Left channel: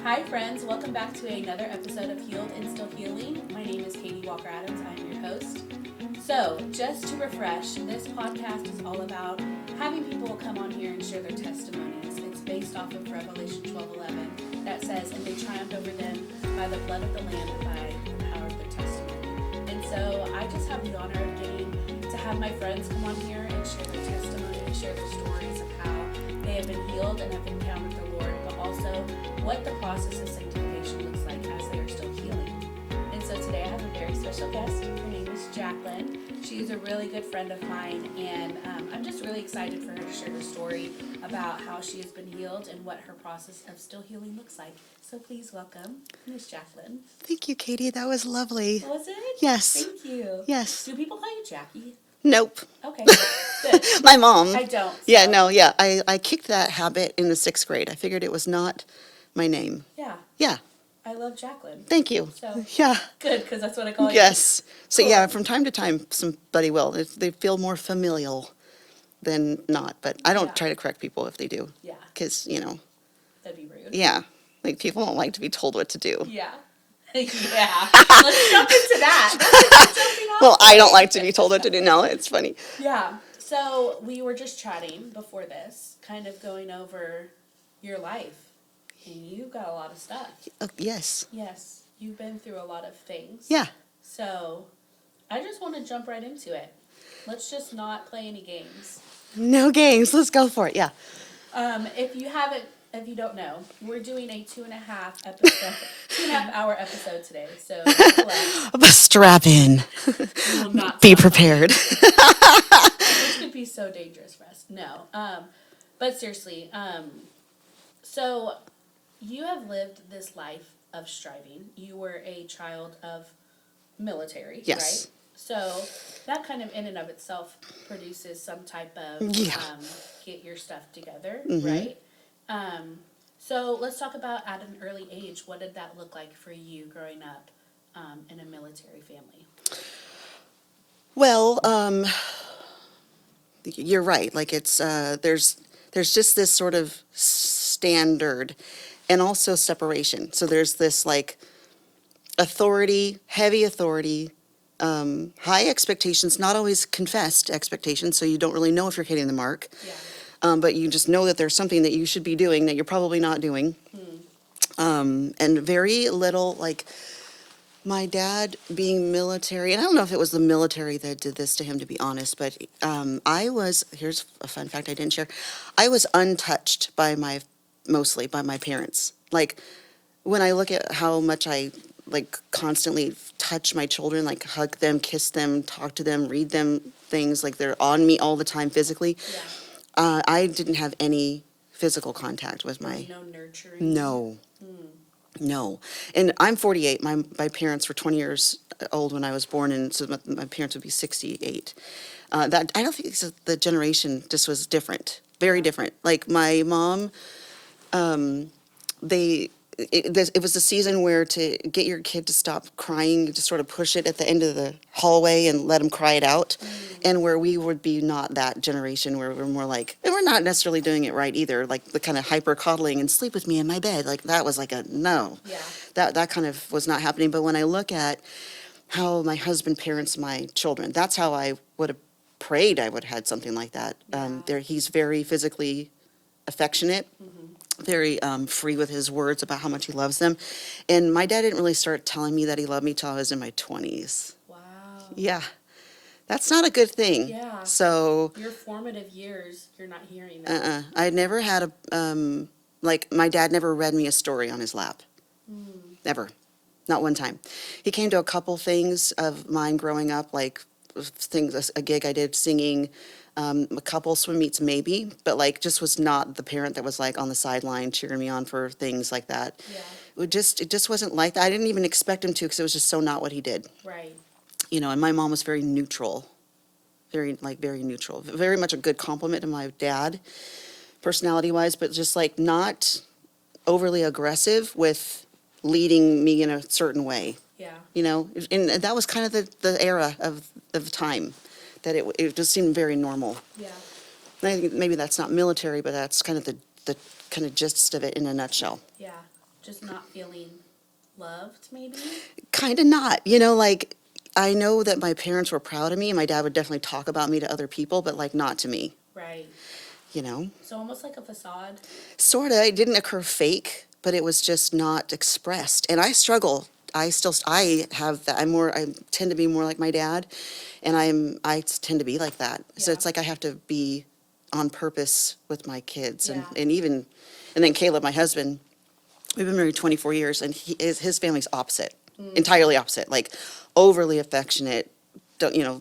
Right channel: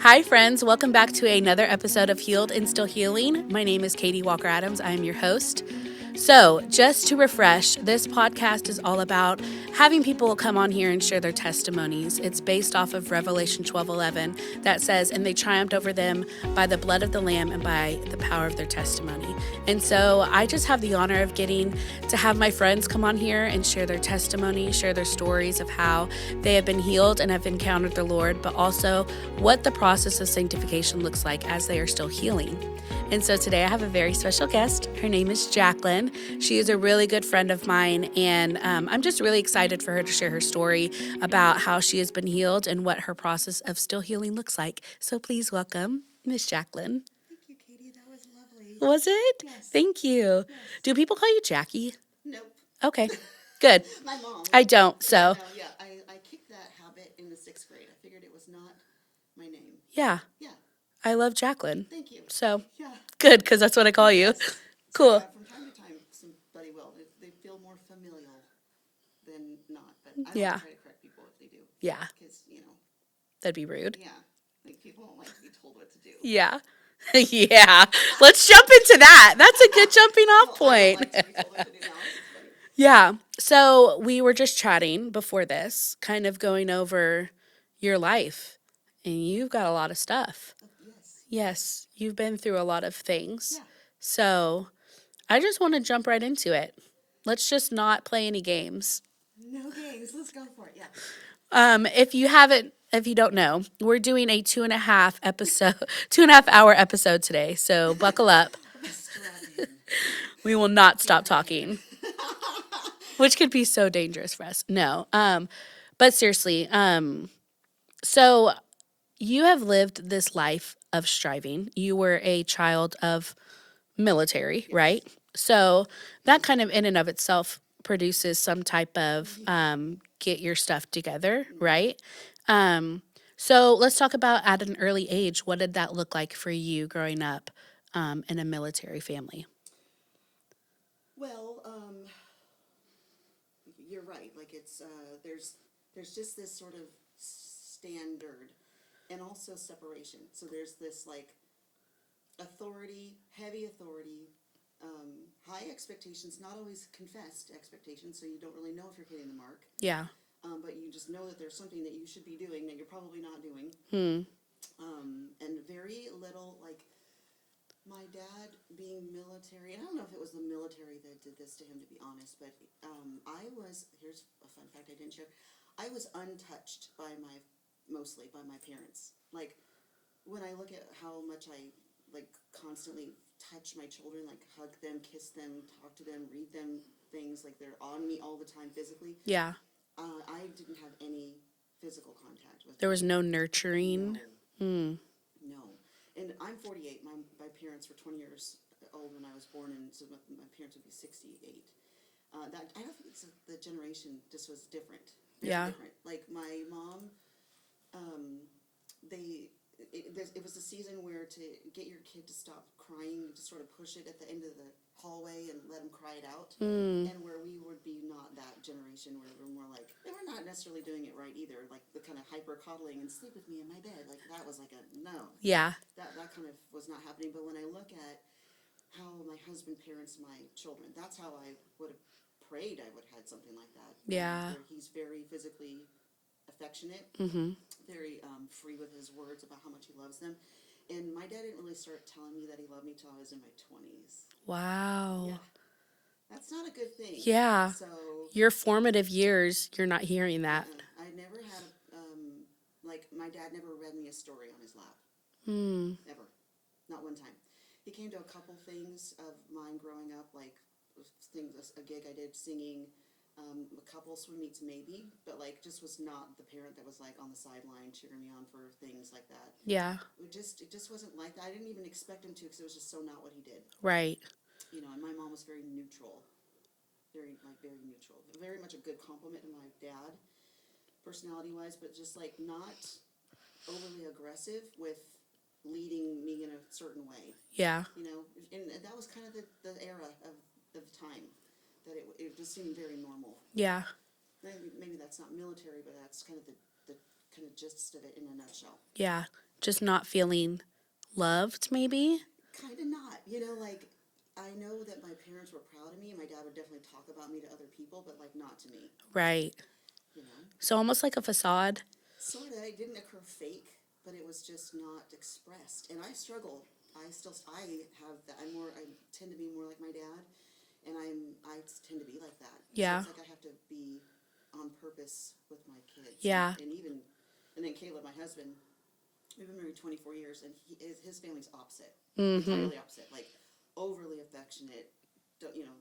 Hi, friends. Welcome back to another episode of Healed and Still Healing. My name is Katie Walker Adams. I am your host. So, just to refresh, this podcast is all about having people come on here and share their testimonies. It's based off of Revelation 12:11 that says, "And they triumphed over them by the blood of the Lamb and by the power of their testimony." And so I just have the honor of getting to have my friends come on here and share their testimony, share their stories of how they have been healed and have encountered the Lord, but also what the process of sanctification looks like as they are still healing. And so today I have a very special guest. Her name is Jaclyn. She is a really good friend of mine, and I'm just really excited for her to share her story about how she has been healed and what her process of still healing looks like. So please welcome Miss Jaclyn. Thank you, Katie. That was lovely. Was it? Yes. Thank you. Yes. Do people call you Jackie? Nope. Okay, good. My mom. I don't. So. Yeah, no, yeah. I kicked that habit in the 6th grade. I figured it was not my name. Yeah. Yeah. I love Jaclyn. Thank you. So yeah. Good, because that's what I call you. Yes. So Cool. yeah, from time to time, somebody will. They feel more familial than not. But I don't Yeah. try to correct people if they do. Yeah. Because, That'd be rude. yeah. Like, people don't like to be told what to do. Yeah. Yeah. Let's jump into that. That's a good jumping off Well, I don't point. like to be told what to do. No, it's funny. Yeah. So we were just chatting before this, kind of going over your life. And you've got a lot of stuff. Yes. Yes. You've been through a lot of things. Yeah. So I just want to jump right into it. Let's just not play any games. No games. Let's go for it. Yeah. If you don't know, we're doing a 2.5 hour episode today. So buckle up. Strap in. We will not Be stop prepared. talking, which could be so dangerous for us. No. But seriously, so you have lived this life of striving. You were a child of military, Yes. right? So that kind of in and of itself produces some type of get your stuff together, right? So let's talk about at an early age, what did that look like for you growing up in a military family? Well, you're right. Like, it's there's just this sort of standard and also separation. So there's this like authority, heavy authority, high expectations, not always confessed expectations. So you don't really know if you're hitting the mark. Yeah. But you just know that there's something that you should be doing that you're probably not doing. And very little, like, my dad being military, and I don't know if it was the military that did this to him, to be honest, but here's a fun fact I didn't share. I was untouched mostly by my parents. Like, when I look at how much I, like, constantly touch my children, like, hug them, kiss them, talk to them, read them things, like, they're on me all the time physically. Yeah. I didn't have any physical contact with There was no nurturing. No. No. And I'm 48. My parents were 20 years old when I was born, and so my parents would be 68. I don't think the generation just was different, very different. Like, my mom, it was a season where to get your kid to stop crying, you just sort of push it at the end of the hallway and let them cry it out. And where we would be not that generation, where we're more like, and we're not necessarily doing it right either, like the kind of hyper coddling and sleep with me in my bed, like that was like a no. Yeah. That kind of was not happening. But when I look at how my husband parents my children, that's how I would have prayed I would have had something like that. Yeah. He's very physically affectionate, very free with his words about how much he loves them. And my dad didn't really start telling me that he loved me till I was in my 20s. Wow. Yeah. That's not a good thing. Yeah. So Your formative years, you're not hearing that. I never had my dad never read me a story on his lap. Never. Not one time. He came to a couple things of mine growing up, like a gig I did singing, a couple swim meets maybe, but like just was not the parent that was like on the sideline cheering me on for things like that. Yeah. It just wasn't like that. I didn't even expect him to, because it was just so not what he did. Right. And my mom was very neutral, very neutral, very much a good compliment to my dad, personality wise, but just like not overly aggressive with leading me in a certain way. Yeah. And that was kind of the era of the time. that it just seemed very normal. Yeah. And I think maybe that's not military, but that's kind of the kind of gist of it in a nutshell. Yeah. Just not feeling loved, maybe? Kind of not, you know, like, I know that my parents were proud of me, and my dad would definitely talk about me to other people, but, like, not to me, Right. you know? So almost like a facade. Sort of. It didn't occur fake, but it was just not expressed. And I struggle. I have that. I tend to be more like my dad, and I tend to be like that. So Yeah. it's like I have to be on purpose with my kids. Yeah. And then Caleb, my husband, we've been married 24 years, and his family's opposite, Mm-hmm. entirely opposite, like overly affectionate,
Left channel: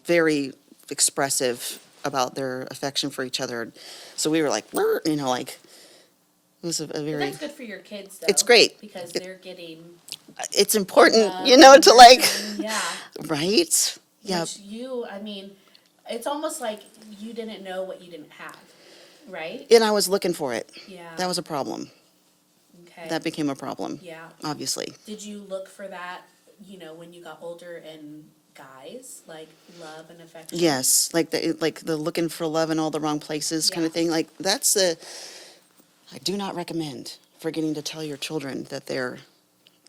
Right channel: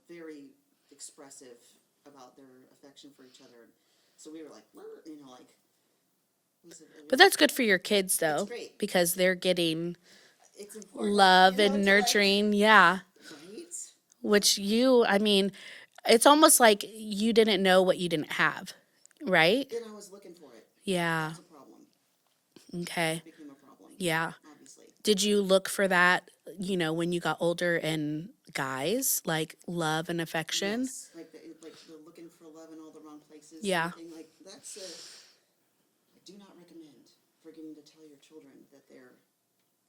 very expressive about their affection for each other. So we were like, like, it was a very. But that's good for your kids, though. It's great. Because they're getting It's important, love and to like, nurturing. Yeah. right? Which it's almost like you didn't know what you didn't have, right? And I was looking for it. Yeah. That was a problem. Okay. That became a problem. Yeah. Obviously. Did you look for that, when you got older in guys, like love and affection? Yes, like the looking for love in all the wrong places kind Yeah. of thing. Like I do not recommend forgetting to tell your children that they're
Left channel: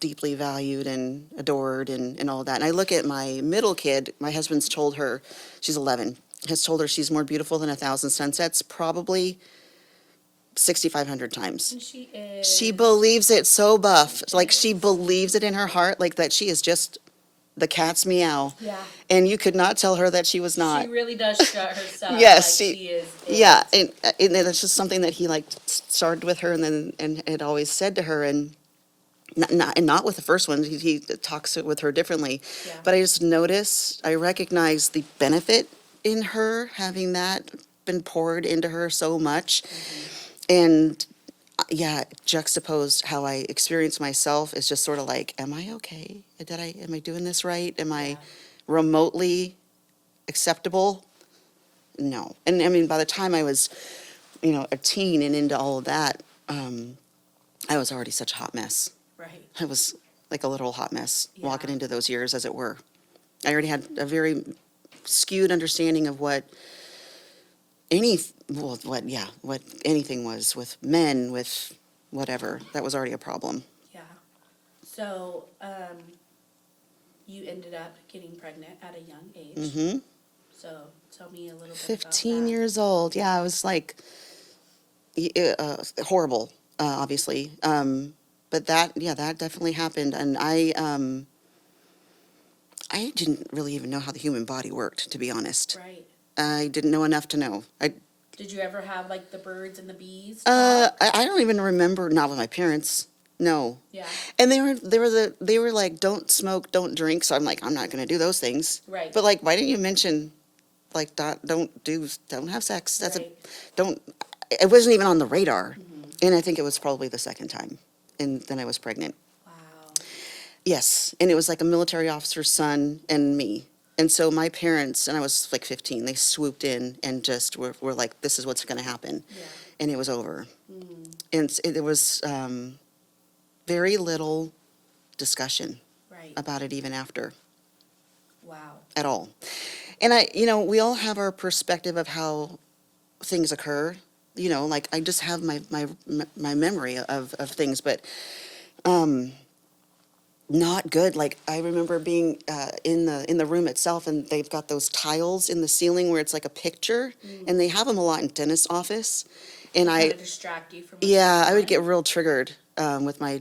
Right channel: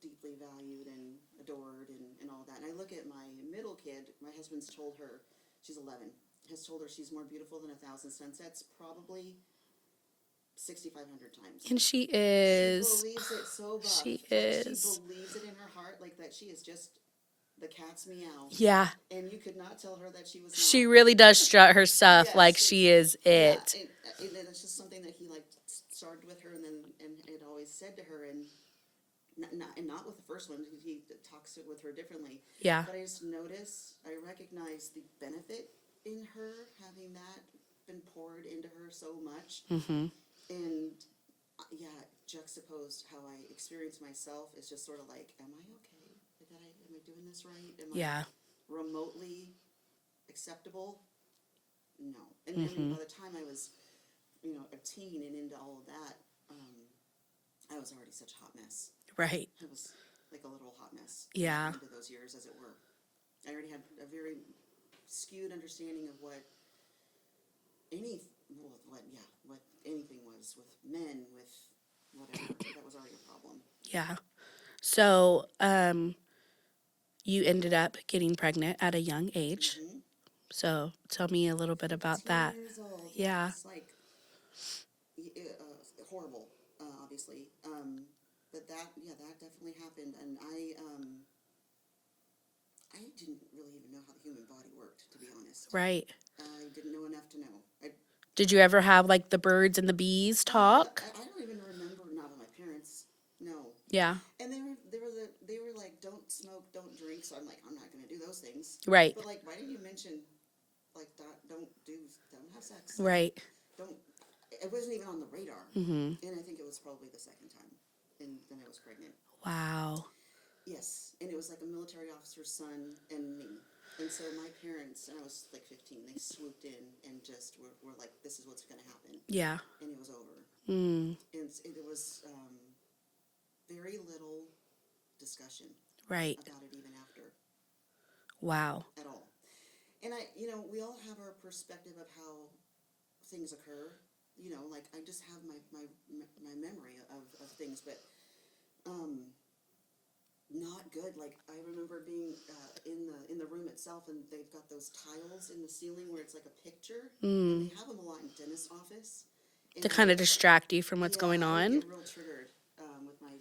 deeply valued and adored and all that. And I look at my middle kid, my husband's told her, she's 11, has told her she's more beautiful than 1,000 sunsets, probably 6,500 times. And she is. She believes it so buff. She is. believes it in her heart, like that she is just the cat's meow. Yeah. And you could not tell her that she was not. She really does strut her stuff Yes, like she is it. Yeah, and it's just something that he like started with her, and had always said to her, and not with the first one. He talks with her differently. Yeah. But I recognize the benefit in her having that been poured into her so much, and juxtaposed how I experience myself is just sort of like, am I okay? Am I doing this right? Am I Yeah. remotely acceptable? No. And I mean, by the time I was, a teen and into all of that, I was already such a hot mess. Right. I was like a little hot mess Yeah. walking into those years, as it were. I already had a very skewed understanding of what anything was with men, with whatever. That was already a problem. Yeah. So, you ended up getting pregnant at a young age. Mm-hmm. So, tell me a little bit about 15 that. years old. Yeah, I was like horrible, obviously. But that definitely happened, and I didn't really even know how the human body worked, to be honest. Right. I didn't know enough to know. Did you ever have like the birds and the bees talk? I don't even remember. Not with my parents. No. Yeah. And they were like, don't smoke, don't drink. So I'm like, I'm not going to do those things. Right. But like, why didn't you mention, like, don't have sex? Right. It wasn't even on the radar. Mm-hmm. And I think it was probably the second time. And then I was pregnant. Wow. Yes. And it was like a military officer's son and me. And so my parents, and I was like 15, they swooped in and just were like, this is what's going to happen. Yeah. And it was over. Mm. And it was very little discussion Right. about it even after. Wow. At all. And we all have our perspective of how things occur. Like I just have my memory of things, but not good. Like I remember being in the room itself, and they've got those tiles in the ceiling where it's like a picture, and they have them a lot in dentist office. And To kind of distract you from what's going on. I would get real triggered with my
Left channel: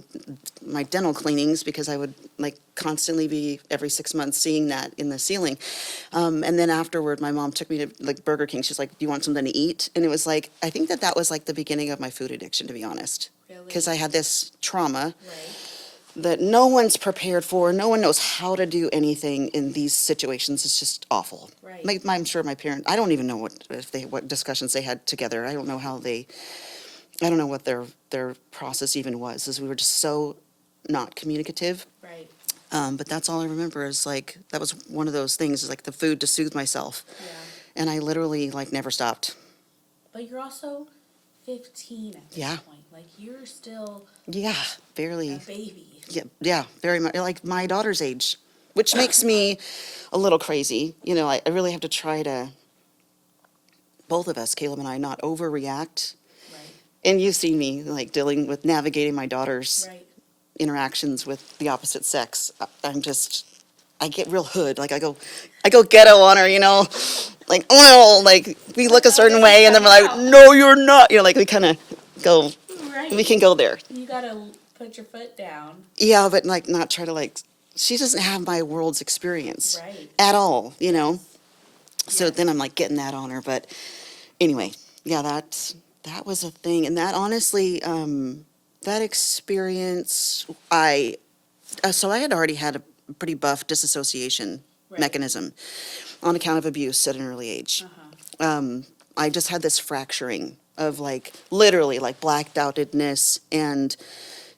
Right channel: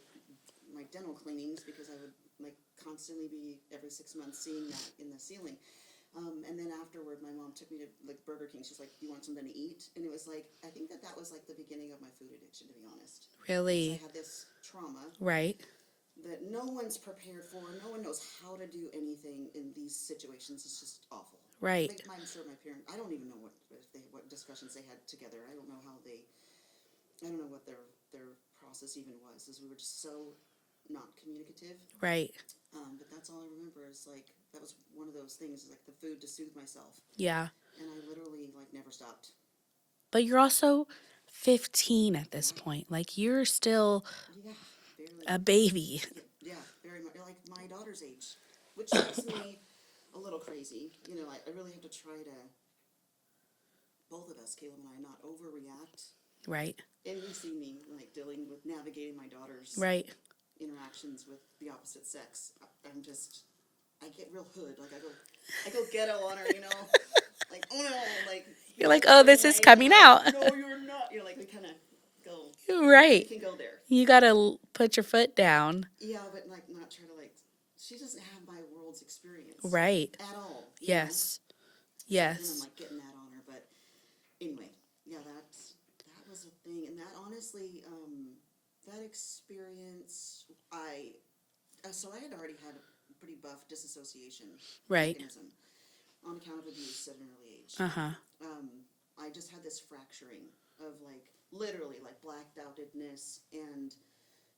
dental cleanings, because I would like constantly be every 6 months seeing that in the ceiling. And then afterward, my mom took me to like Burger King. She's like, do you want something to eat? And it was like, I think that was like the beginning of my food addiction, to be honest. Really? Because I had this trauma. Right. That no one's prepared for. No one knows how to do anything in these situations. It's just awful. Right. Like, I'm sure my parents, I don't even know what discussions they had together. I don't know I don't know what their process even was, as we were just so not communicative. Right. But that's all I remember is like, that was one of those things, is like the food to soothe myself. Yeah. And I literally like never stopped. But you're also 15 at this Yeah. point. Like you're still Yeah, barely. a baby. Yeah, very much like my daughter's age, which makes me a little crazy. I really have to try to both of us, Caleb and I, not overreact. Right. And you've seen me like dealing with navigating my daughter's Right. interactions with the opposite sex. I get real hood. Like I go ghetto on her, like, oh no, like we You're look like, a "Oh, certain this way is and then we're coming like, out." no, you're not. Like we kind of go, Right. we can go there. You got to put your foot down. Yeah, but like not try to like, she doesn't have my world's experience. Right. At all, know? Yes. So then Yes. I'm like getting that on her. But anyway, yeah, that was a thing. And that honestly, that experience, so I had already had a pretty buff disassociation Right. mechanism on account of abuse at an early age. I just had this fracturing of like literally like blacked outedness and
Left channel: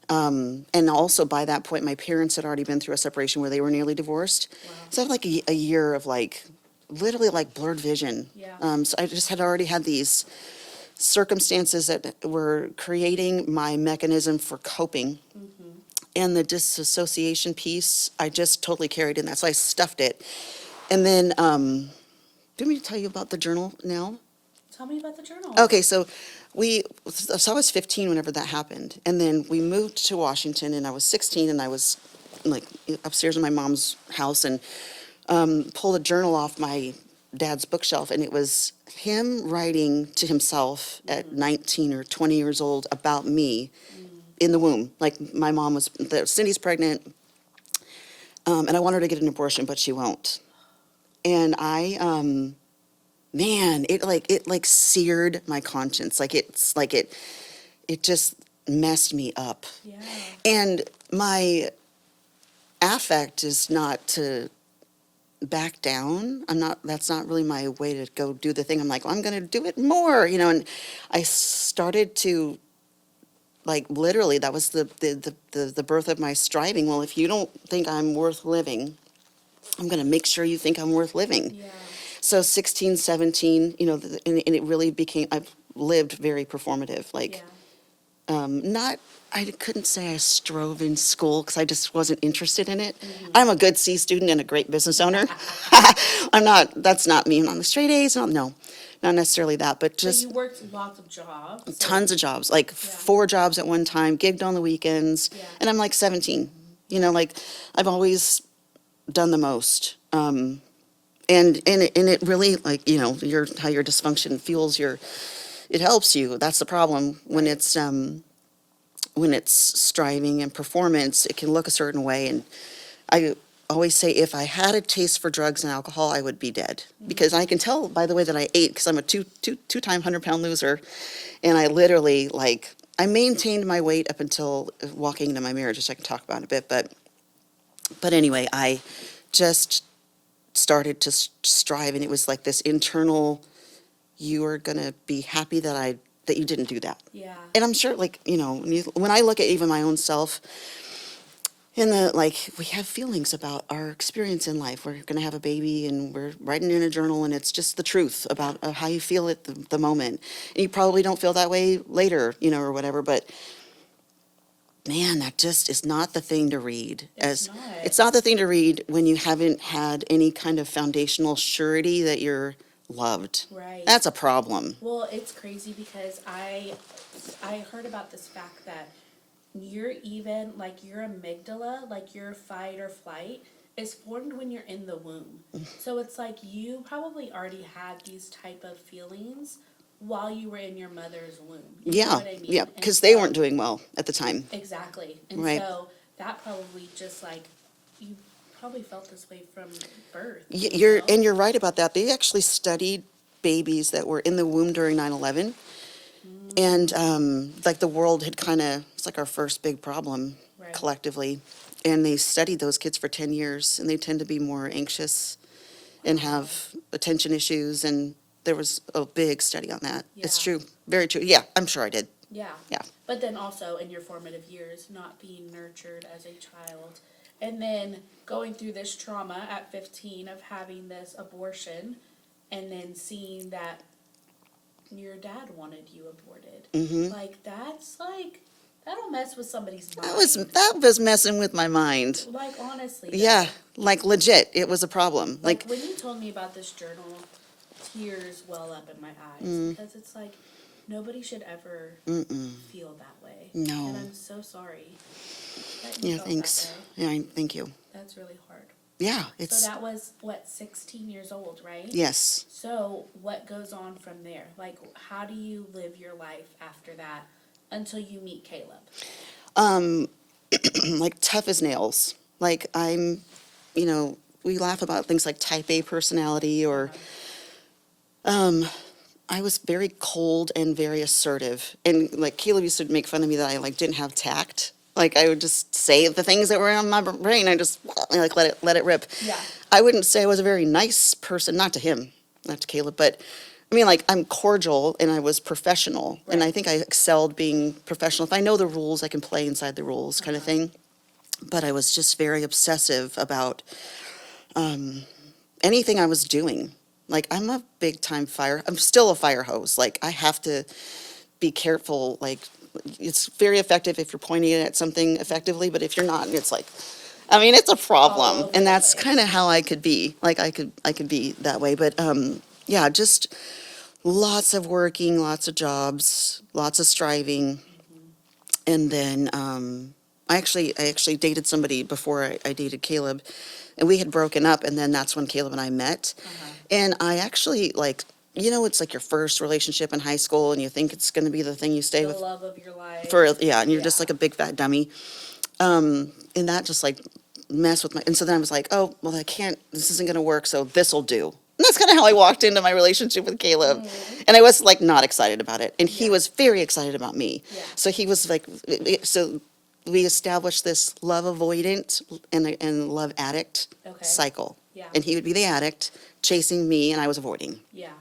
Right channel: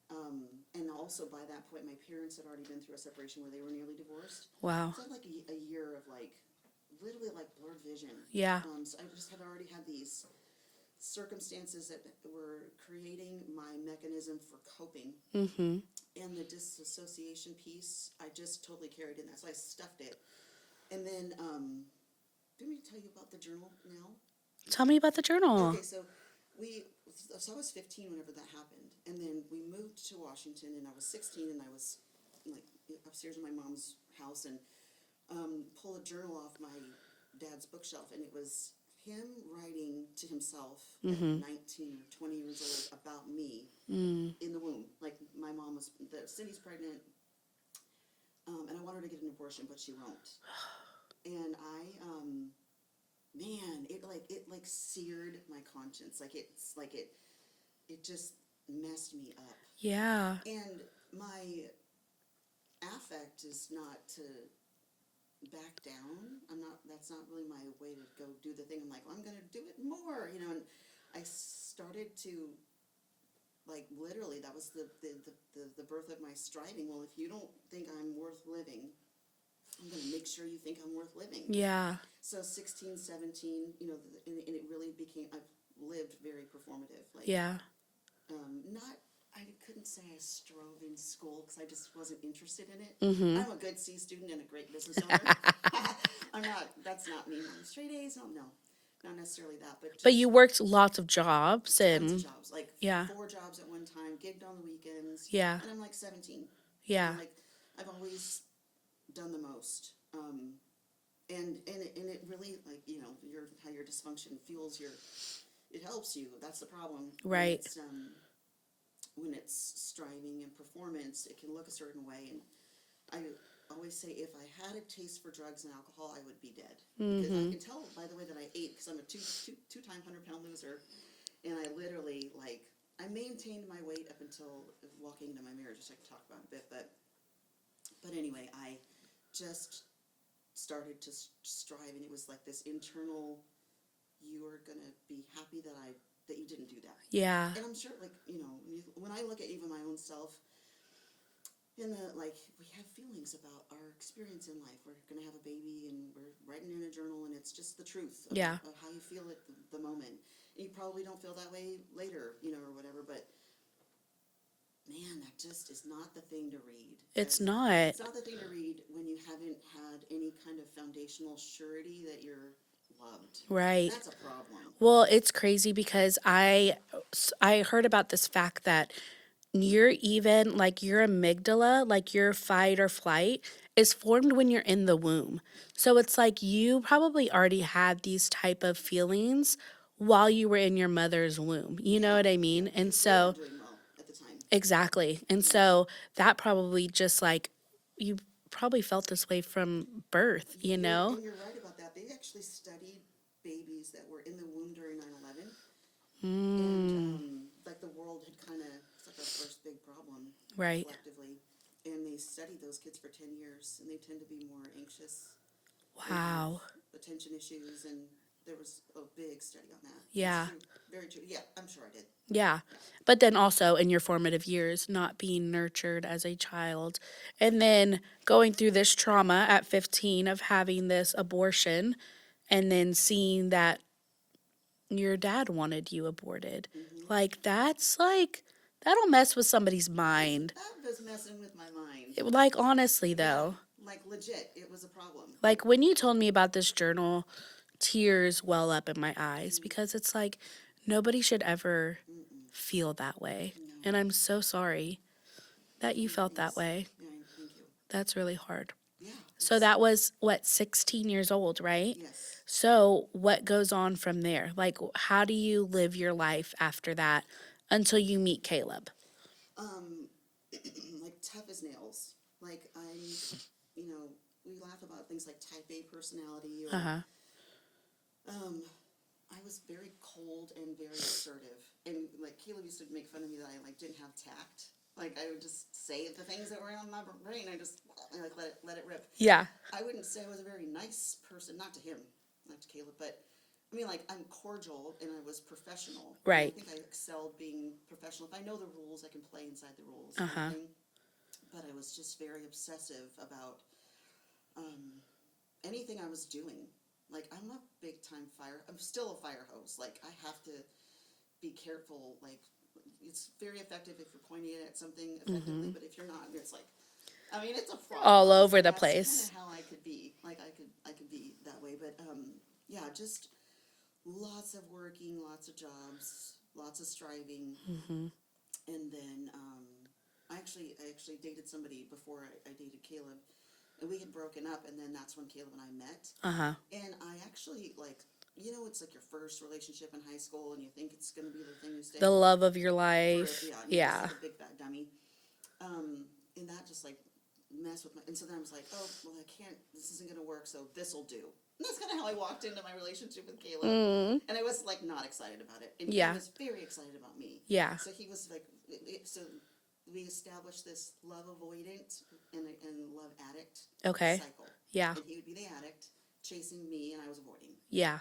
also by that point my parents had already been through a separation where they were nearly divorced. Wow. So I had like a year of like literally like blurred vision. Yeah. So I just had already had these circumstances that were creating my mechanism for coping. And the disassociation piece, I just totally carried in that. So I stuffed it. And then, do you want me to tell you about the journal now? Tell me about the journal. Okay, so I was 15 whenever that happened. And then we moved to Washington and I was 16 and I was like upstairs in my mom's house and pulled a journal off my dad's bookshelf and it was him writing to himself at 19 or 20 years old about me in the womb. Like my mom Cindy's pregnant and I want her to get an abortion, but she won't. And man, it like seared my conscience. Like it just messed me up. Yeah. And my affect is not to back down. That's not really my way to go do the thing. I'm like, well, I'm going to do it more, and I started to like literally that was the birth of my striving. Well, if you don't think I'm worth living, I'm going to make sure you think I'm worth living. Yeah. So 16, 17, and it really became, I've lived very performative. Like, Yeah. I couldn't say I strove in school because I just wasn't interested in it. I'm a good C student and a great business owner. That's not me. I'm a straight A's. No, not necessarily that, but But just you worked lots of jobs. tons of jobs, like Yeah. 4 jobs at one time, gigged on the weekends. Yeah. And I'm like 17, Yeah. like I've always done the most. And it really like, how your dysfunction fuels it helps you. That's the problem. Right. When it's striving and performance, it can look a certain way. And I always say if I had a taste for drugs and alcohol, I would be dead. Because I can tell by the way that I ate, because I'm a two-time 100-pound loser. And I literally, like, I maintained my weight up until walking into my marriage, which I can talk about in a bit. But anyway, I just started to strive. And it was like this internal, you are going to be happy that you didn't do that. Yeah. And I'm sure, like, when I look at even my own self, we have feelings about our experience in life. We're going to have a baby and we're writing in a journal and it's just the truth about how you feel at the moment. And you probably don't feel that way later, or whatever, but man, that just is not the thing to read. It's not. It's not the thing to read when you haven't had any kind of foundational surety that you're loved. Right. That's a problem. Well, it's crazy because I heard about this fact that your amygdala, like your fight or flight, is formed when you're in the womb. So it's like you probably already had these type of feelings while you were in your mother's womb. You know what I mean? Yeah, And because they weren't doing well at the time. Exactly. And Right. so that probably just like, you probably felt this way from birth. You're right about that. They actually studied babies that were in the womb during 9/11. And like the world had it's like our first big problem Right. collectively. And they studied those kids for 10 years and they tend to be more anxious and Wow. have attention issues. And there was a big study on that. It's Yeah. true. Very true. Yeah, I'm sure I did. Yeah. Yeah. But then also in your formative years, not being nurtured as a child. And then going through this trauma at 15 of having this abortion and then seeing that your dad wanted you aborted. Like, that'll mess with somebody's mind. That was messing with my mind. Like, honestly, though. Yeah, like legit, it was a problem. Like when you told me about this journal, tears well up in my eyes because it's like nobody should ever feel that way. No. And I'm so sorry that you Yeah, felt thanks. that way. Yeah, thank you. That's really hard. Yeah. So that was, 16 years old, right? Yes. So what goes on from there? Like, how do you live your life after that until you meet Caleb? Like tough as nails. Like I'm, we laugh about things like type A personality or I was very cold and very assertive. And like Caleb used to make fun of me that I like didn't have tact. Like I would just say the things that were on my brain. I just like let it rip. Yeah. I wouldn't say I was a very nice person, not to him, not to Caleb, but I mean like I'm cordial and I was professional. Right. And I think I excelled being professional. If I know the rules, I can play inside the rules kind of thing. But I was just very obsessive about anything I was doing. Like I'm a big time I'm still a fire hose. Like I have to be careful. Like it's very effective if you're pointing it at something effectively, but if you're not, it's like, I mean, it's a problem. All over and the that's place. kind of how I could be. Like I could be that way. But yeah, just lots of working, lots of jobs, lots of striving. And then I actually dated somebody before I dated Caleb, and we had broken up, and then that's when Caleb and I met. And I actually like, it's like your first relationship in high school, and you think it's going to be the thing you stay The with love of your life. and you're just like a big fat dummy. And that just like messed with and so then I was like, oh, well, this isn't going to work, so this'll do. And that's kind of how I walked into my relationship with Caleb. And I was like not excited about it. And he was very excited about me. Yeah. So he was like, so we established this love avoidant and love addict cycle. Yeah. And he would be the addict chasing me and I was avoiding. Yeah.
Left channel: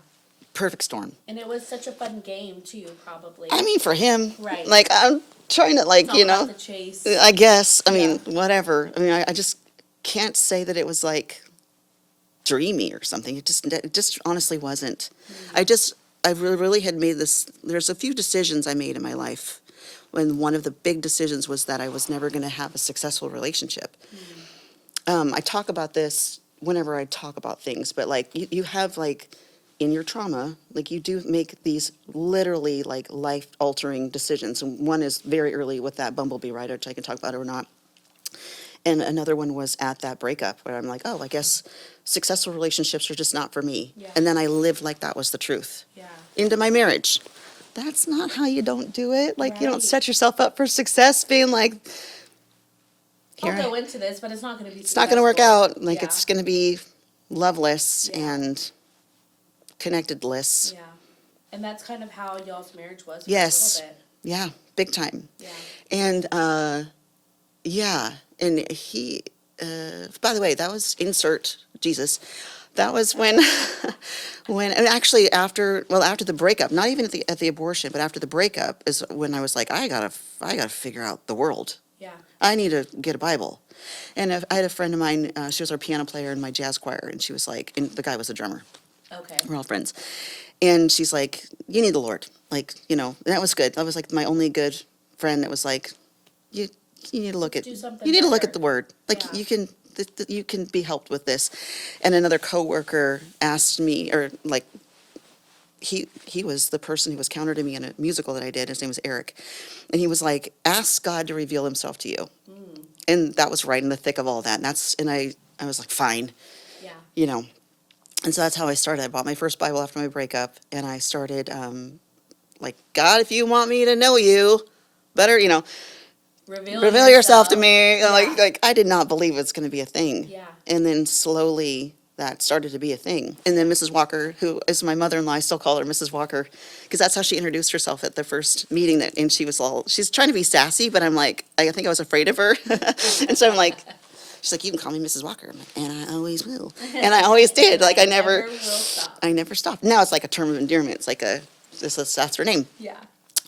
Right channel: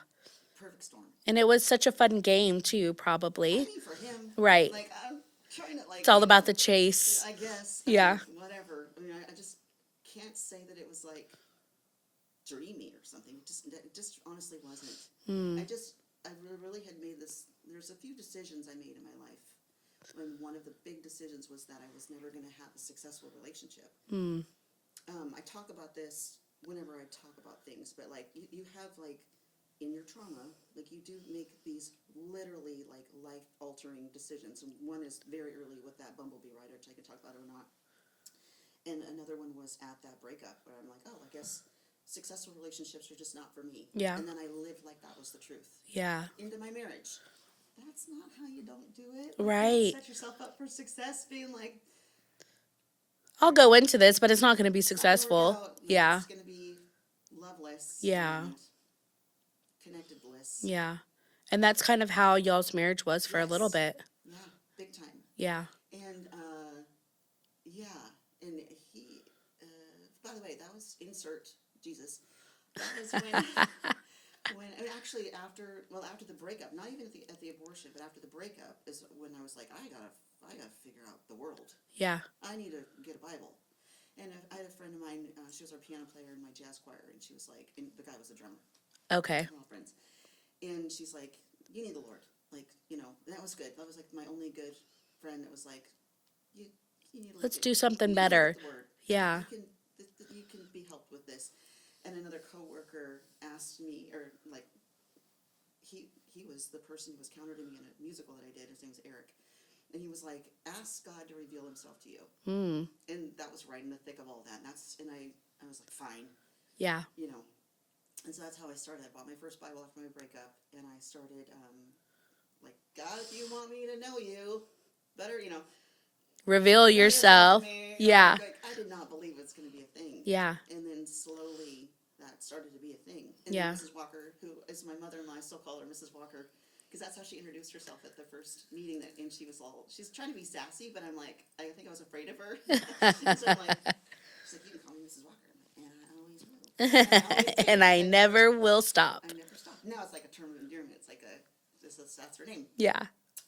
Perfect storm. And it was such a fun game too, probably. I mean, for him. Right. Like, I'm trying to like, It's all about the chase. I guess. I Yeah. mean, whatever. I mean, I just can't say that it was like dreamy or something. It just honestly wasn't. I really had made this, there's a few decisions I made in my life. When one of the big decisions was that I was never going to have a successful relationship. I talk about this whenever I talk about things, but like you have like in your trauma, like you do make these literally like life altering decisions. And one is very early with that bumblebee ride, which I can talk about or not. And another one was at that breakup where I'm like, oh, I guess successful relationships are just not for me. Yeah. And then I lived like that was the truth. Yeah. Into my marriage. That's not how you don't do it. Like you don't Right. set yourself up for success being like, I'll go into this, but it's not going to be it's not successful. going to work out. Like yeah. it's going to be loveless Yeah. and connectedless. Yeah. And that's kind of how y'all's marriage was for Yes. a little bit. Yeah, big time. Yeah. And yeah, and he, by the way, that was insert Jesus. That was when, and actually after the breakup, not even at the abortion, but after the breakup is when I was like, I gotta figure out the world. Yeah. I need to get a Bible. And I had a friend of mine, she was our piano player in my jazz choir, and she was like, and the guy was a drummer. Okay. We're all friends. And she's like, you need the Lord. Like, and that was good. That was like my only good friend that was like, you need to look Let's do something you need to look better. at the Word. Like Yeah. you can be helped with this. And another coworker asked me, or like, he was the person who was counter to me in a musical that I did. His name was Eric. And he was like, ask God to reveal himself to you. And that was right in the thick of all that. And I was like, fine, Yeah. And so that's how I started. I bought my first Bible after my breakup, and I started, like, God, if you want me to know you, better, Reveal yourself to me. Yeah. Like I did not believe it's going to be a thing. Yeah. And then slowly that started to be a thing. And then Yeah. Mrs. Walker, who is my mother-in-law, I still call her Mrs. Walker, because that's how she introduced herself at the first meeting. And she's trying to be sassy, but I'm like, I think I was afraid of her. And so I'm like, she's like, you can call me Mrs. Walker. I'm like, and I always will. And I always did. And Like I I never will stop. I never stopped. Now it's like a term of endearment. It's like that's her name. Yeah.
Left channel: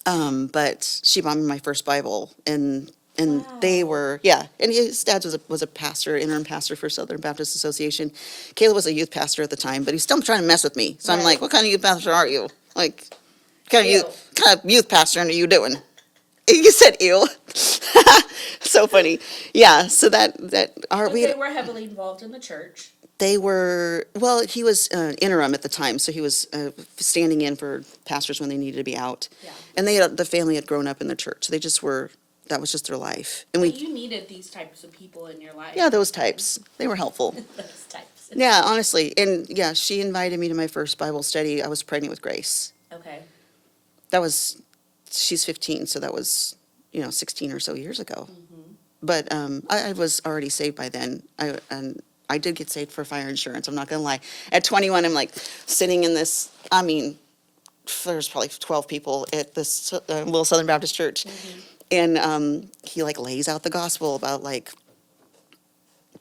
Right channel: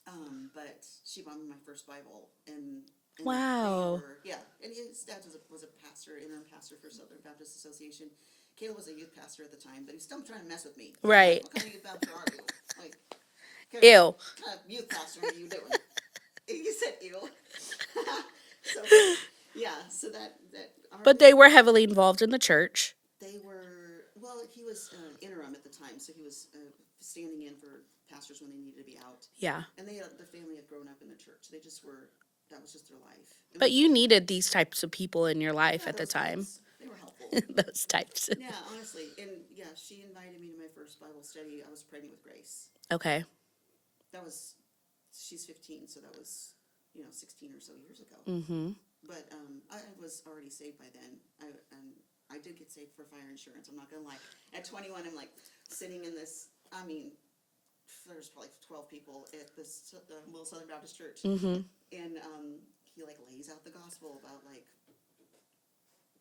But she bought me my first Bible, and Wow. they were, and his dad was a pastor, interim pastor for Southern Baptist Association. Caleb was a youth pastor at the time, but he's still trying to mess with me. So I'm Right. like, what kind of youth pastor are you? Like, Ew. kind of youth pastor are you doing? You said ew. So funny. Yeah, so that But they were heavily involved in the church. They were, well, he was interim at the time, so he was standing in for pastors when they needed to be out. Yeah. And the family had grown up in the church. They just were, that was just their life. And But you needed these types of people in your life. yeah, at the those time. types. They were helpful. Those types. Yeah, honestly. And yeah, she invited me to my first Bible study. I was pregnant with Grace. Okay. She's 15, so that was, 16 or so years ago. But I was already saved by then. I did get saved for fire insurance. I'm not going to lie. At 21, I'm like sitting in this, there's probably 12 people at this little Southern Baptist church. And he like lays out the gospel about like,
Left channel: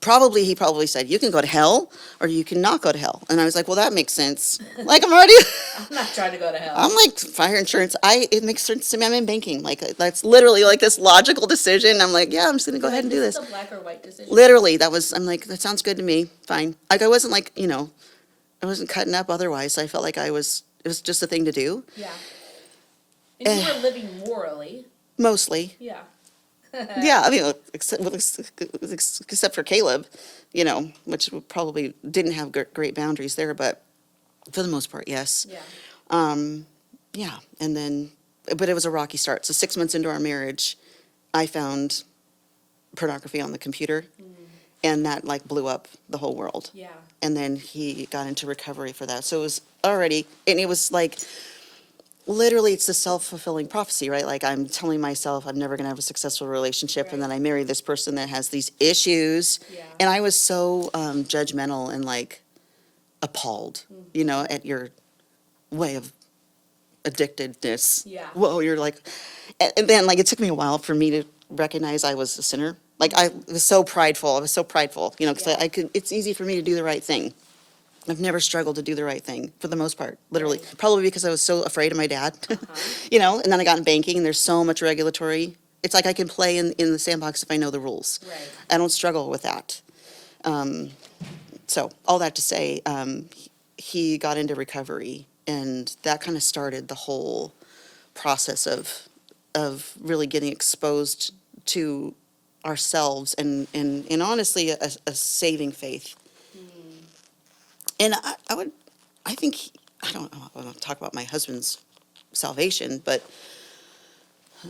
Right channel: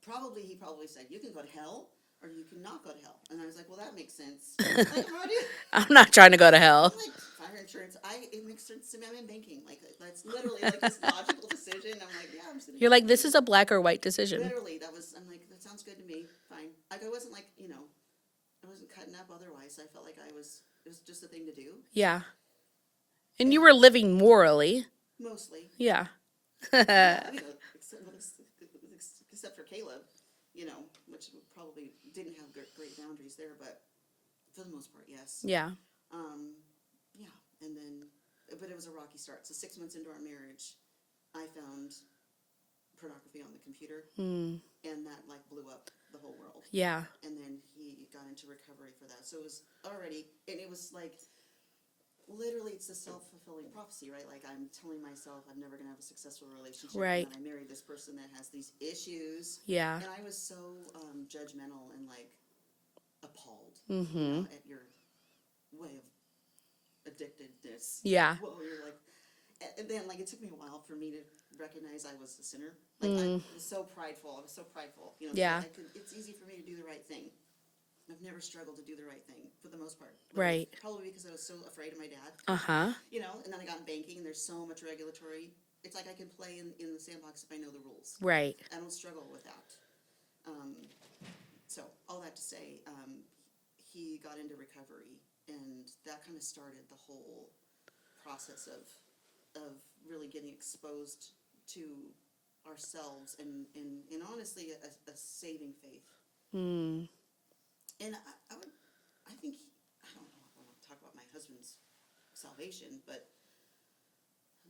he probably said, you can go to hell or you can not go to hell. And I was like, well, that makes sense. Like I'm already, I'm not trying to go to hell. I'm like fire insurance. It makes sense to me. I'm in banking. Like that's literally like this logical decision. I'm like, yeah, I'm just going to go You're ahead like, and do this this. is a black or white decision. Literally, I'm like, that sounds good to me. Fine. Like I wasn't like, I wasn't cutting up otherwise. I felt like it was just a thing to do. Yeah. And you were living morally. Mostly. Yeah. Yeah, I mean, except for Caleb, which probably didn't have great boundaries there, but for the most part, yes. Yeah. Yeah, and then, but it was a rocky start. So 6 months into our marriage, I found pornography on the computer, and that like blew up the whole world. Yeah. And then he got into recovery for that. So it was already, and it was like, literally, it's a self-fulfilling prophecy, right? Like I'm telling myself I'm never going to have a successful relationship, Right. and then I marry this person that has these issues. Yeah. And I was so judgmental and like appalled, at your way of addictedness. Yeah. Whoa, you're like, and then like it took me a while for me to recognize I was a sinner. Like I was so prideful. Because Yeah. it's easy for me to do the right thing. I've never struggled to do the right thing for the most part, literally. Right. Probably because I was so afraid of my dad, and then I got in banking and there's so much regulatory. It's like I can play in the sandbox if I know the rules. Right. I don't struggle with that. So all that to say, he got into recovery, and that kind of started the whole process of really getting exposed to ourselves and honestly a saving faith. And I think, I don't know, I don't talk about my husband's salvation, but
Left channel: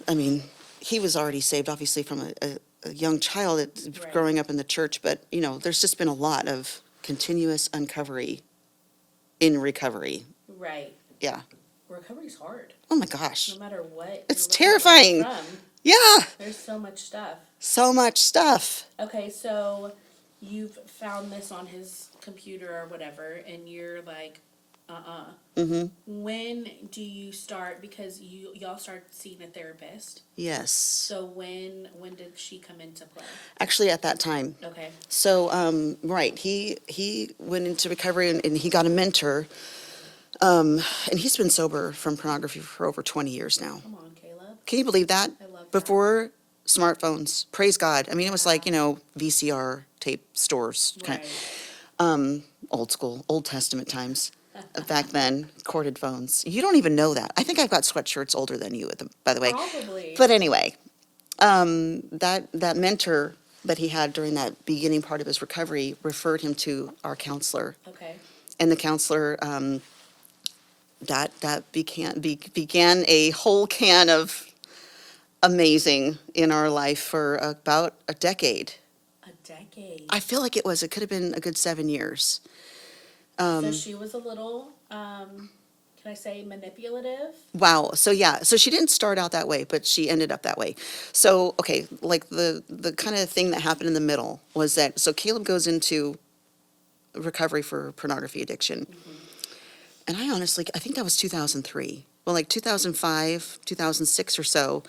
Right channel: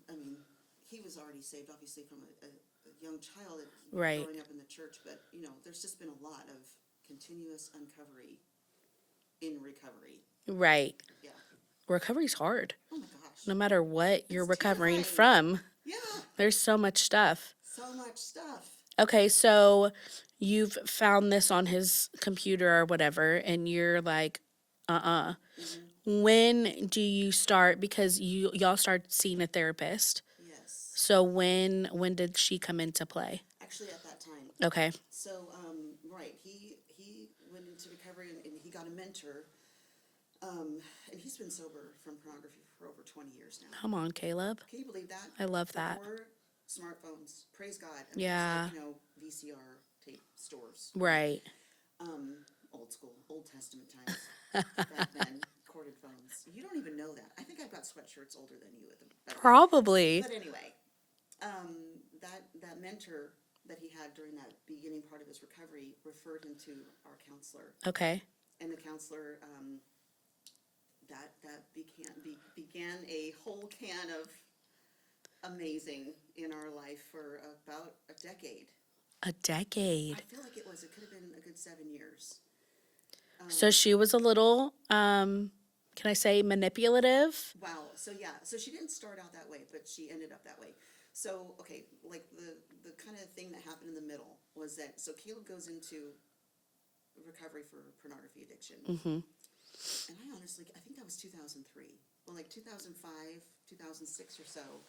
I mean, he was already saved, obviously, from a young child Right. growing up in the church, but, there's just been a lot of continuous uncovery in recovery. Right. Yeah. Recovery's hard. Oh my gosh. No matter what It's you're recovering terrifying. from. Yeah. There's so much stuff. So much stuff. Okay, so you've found this on his computer or whatever, and you're like, When do you start? Because y'all started seeing a therapist. Yes. So when did she come into play? Actually, at that time. Okay. So, right, he went into recovery and he got a mentor. And he's been sober from pornography for over 20 years now. Come on, Caleb. Can you believe that? I love that. Before smartphones, praise God. I mean, it was like, Yeah. VCR tape stores. Right. Old school, Old Testament times. Back then, corded phones. You don't even know that. I think I've got sweatshirts older than you, by the way. Probably. But anyway, that mentor that he had during that beginning part of his recovery referred him to our counselor. Okay. And the counselor, that began a whole can of amazing in our life for about a decade. A decade. I feel like it could have been a good 7 years. So she was a little, can I say manipulative? Wow. So yeah. So she didn't start out that way, but she ended up that way. So, okay, like the kind of thing that happened in the middle was that, so Caleb goes into recovery for pornography addiction. And I think that was 2003. Well, like 2005, 2006 or so,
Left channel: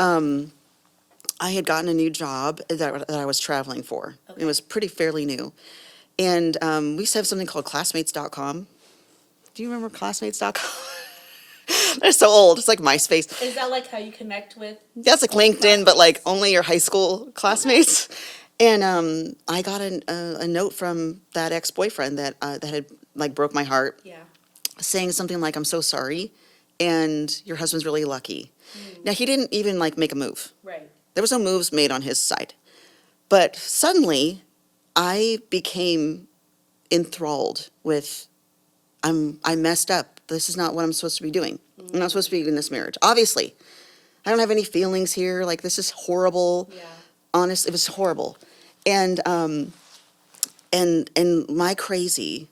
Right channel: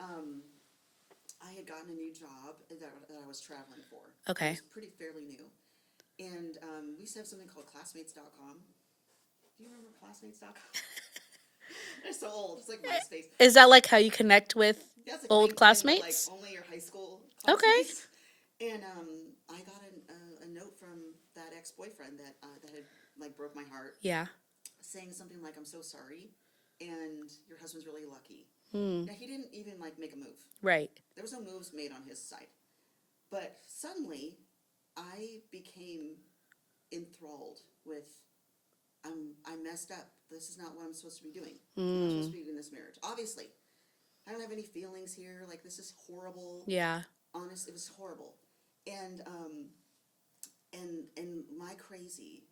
I had gotten a new job that I was traveling for. Okay. It was fairly new. And we used to have something called classmates.com. Do you remember classmates.com? They're so old. It's like MySpace. Is that like how you connect with? That's like old LinkedIn, but like classmates? only your high school classmates. And I got a note from that ex-boyfriend that had like broke my heart, Yeah. saying something like, "I'm so sorry, and your husband's really lucky." Now, he didn't even like make a move. Right. There was no moves made on his side. But suddenly, I became enthralled with, I messed up. This is not what I'm supposed to be doing. I'm not supposed to be in this marriage. Obviously, I don't have any feelings here. Like, this is horrible. Yeah. Honest, it was horrible. And and my crazy,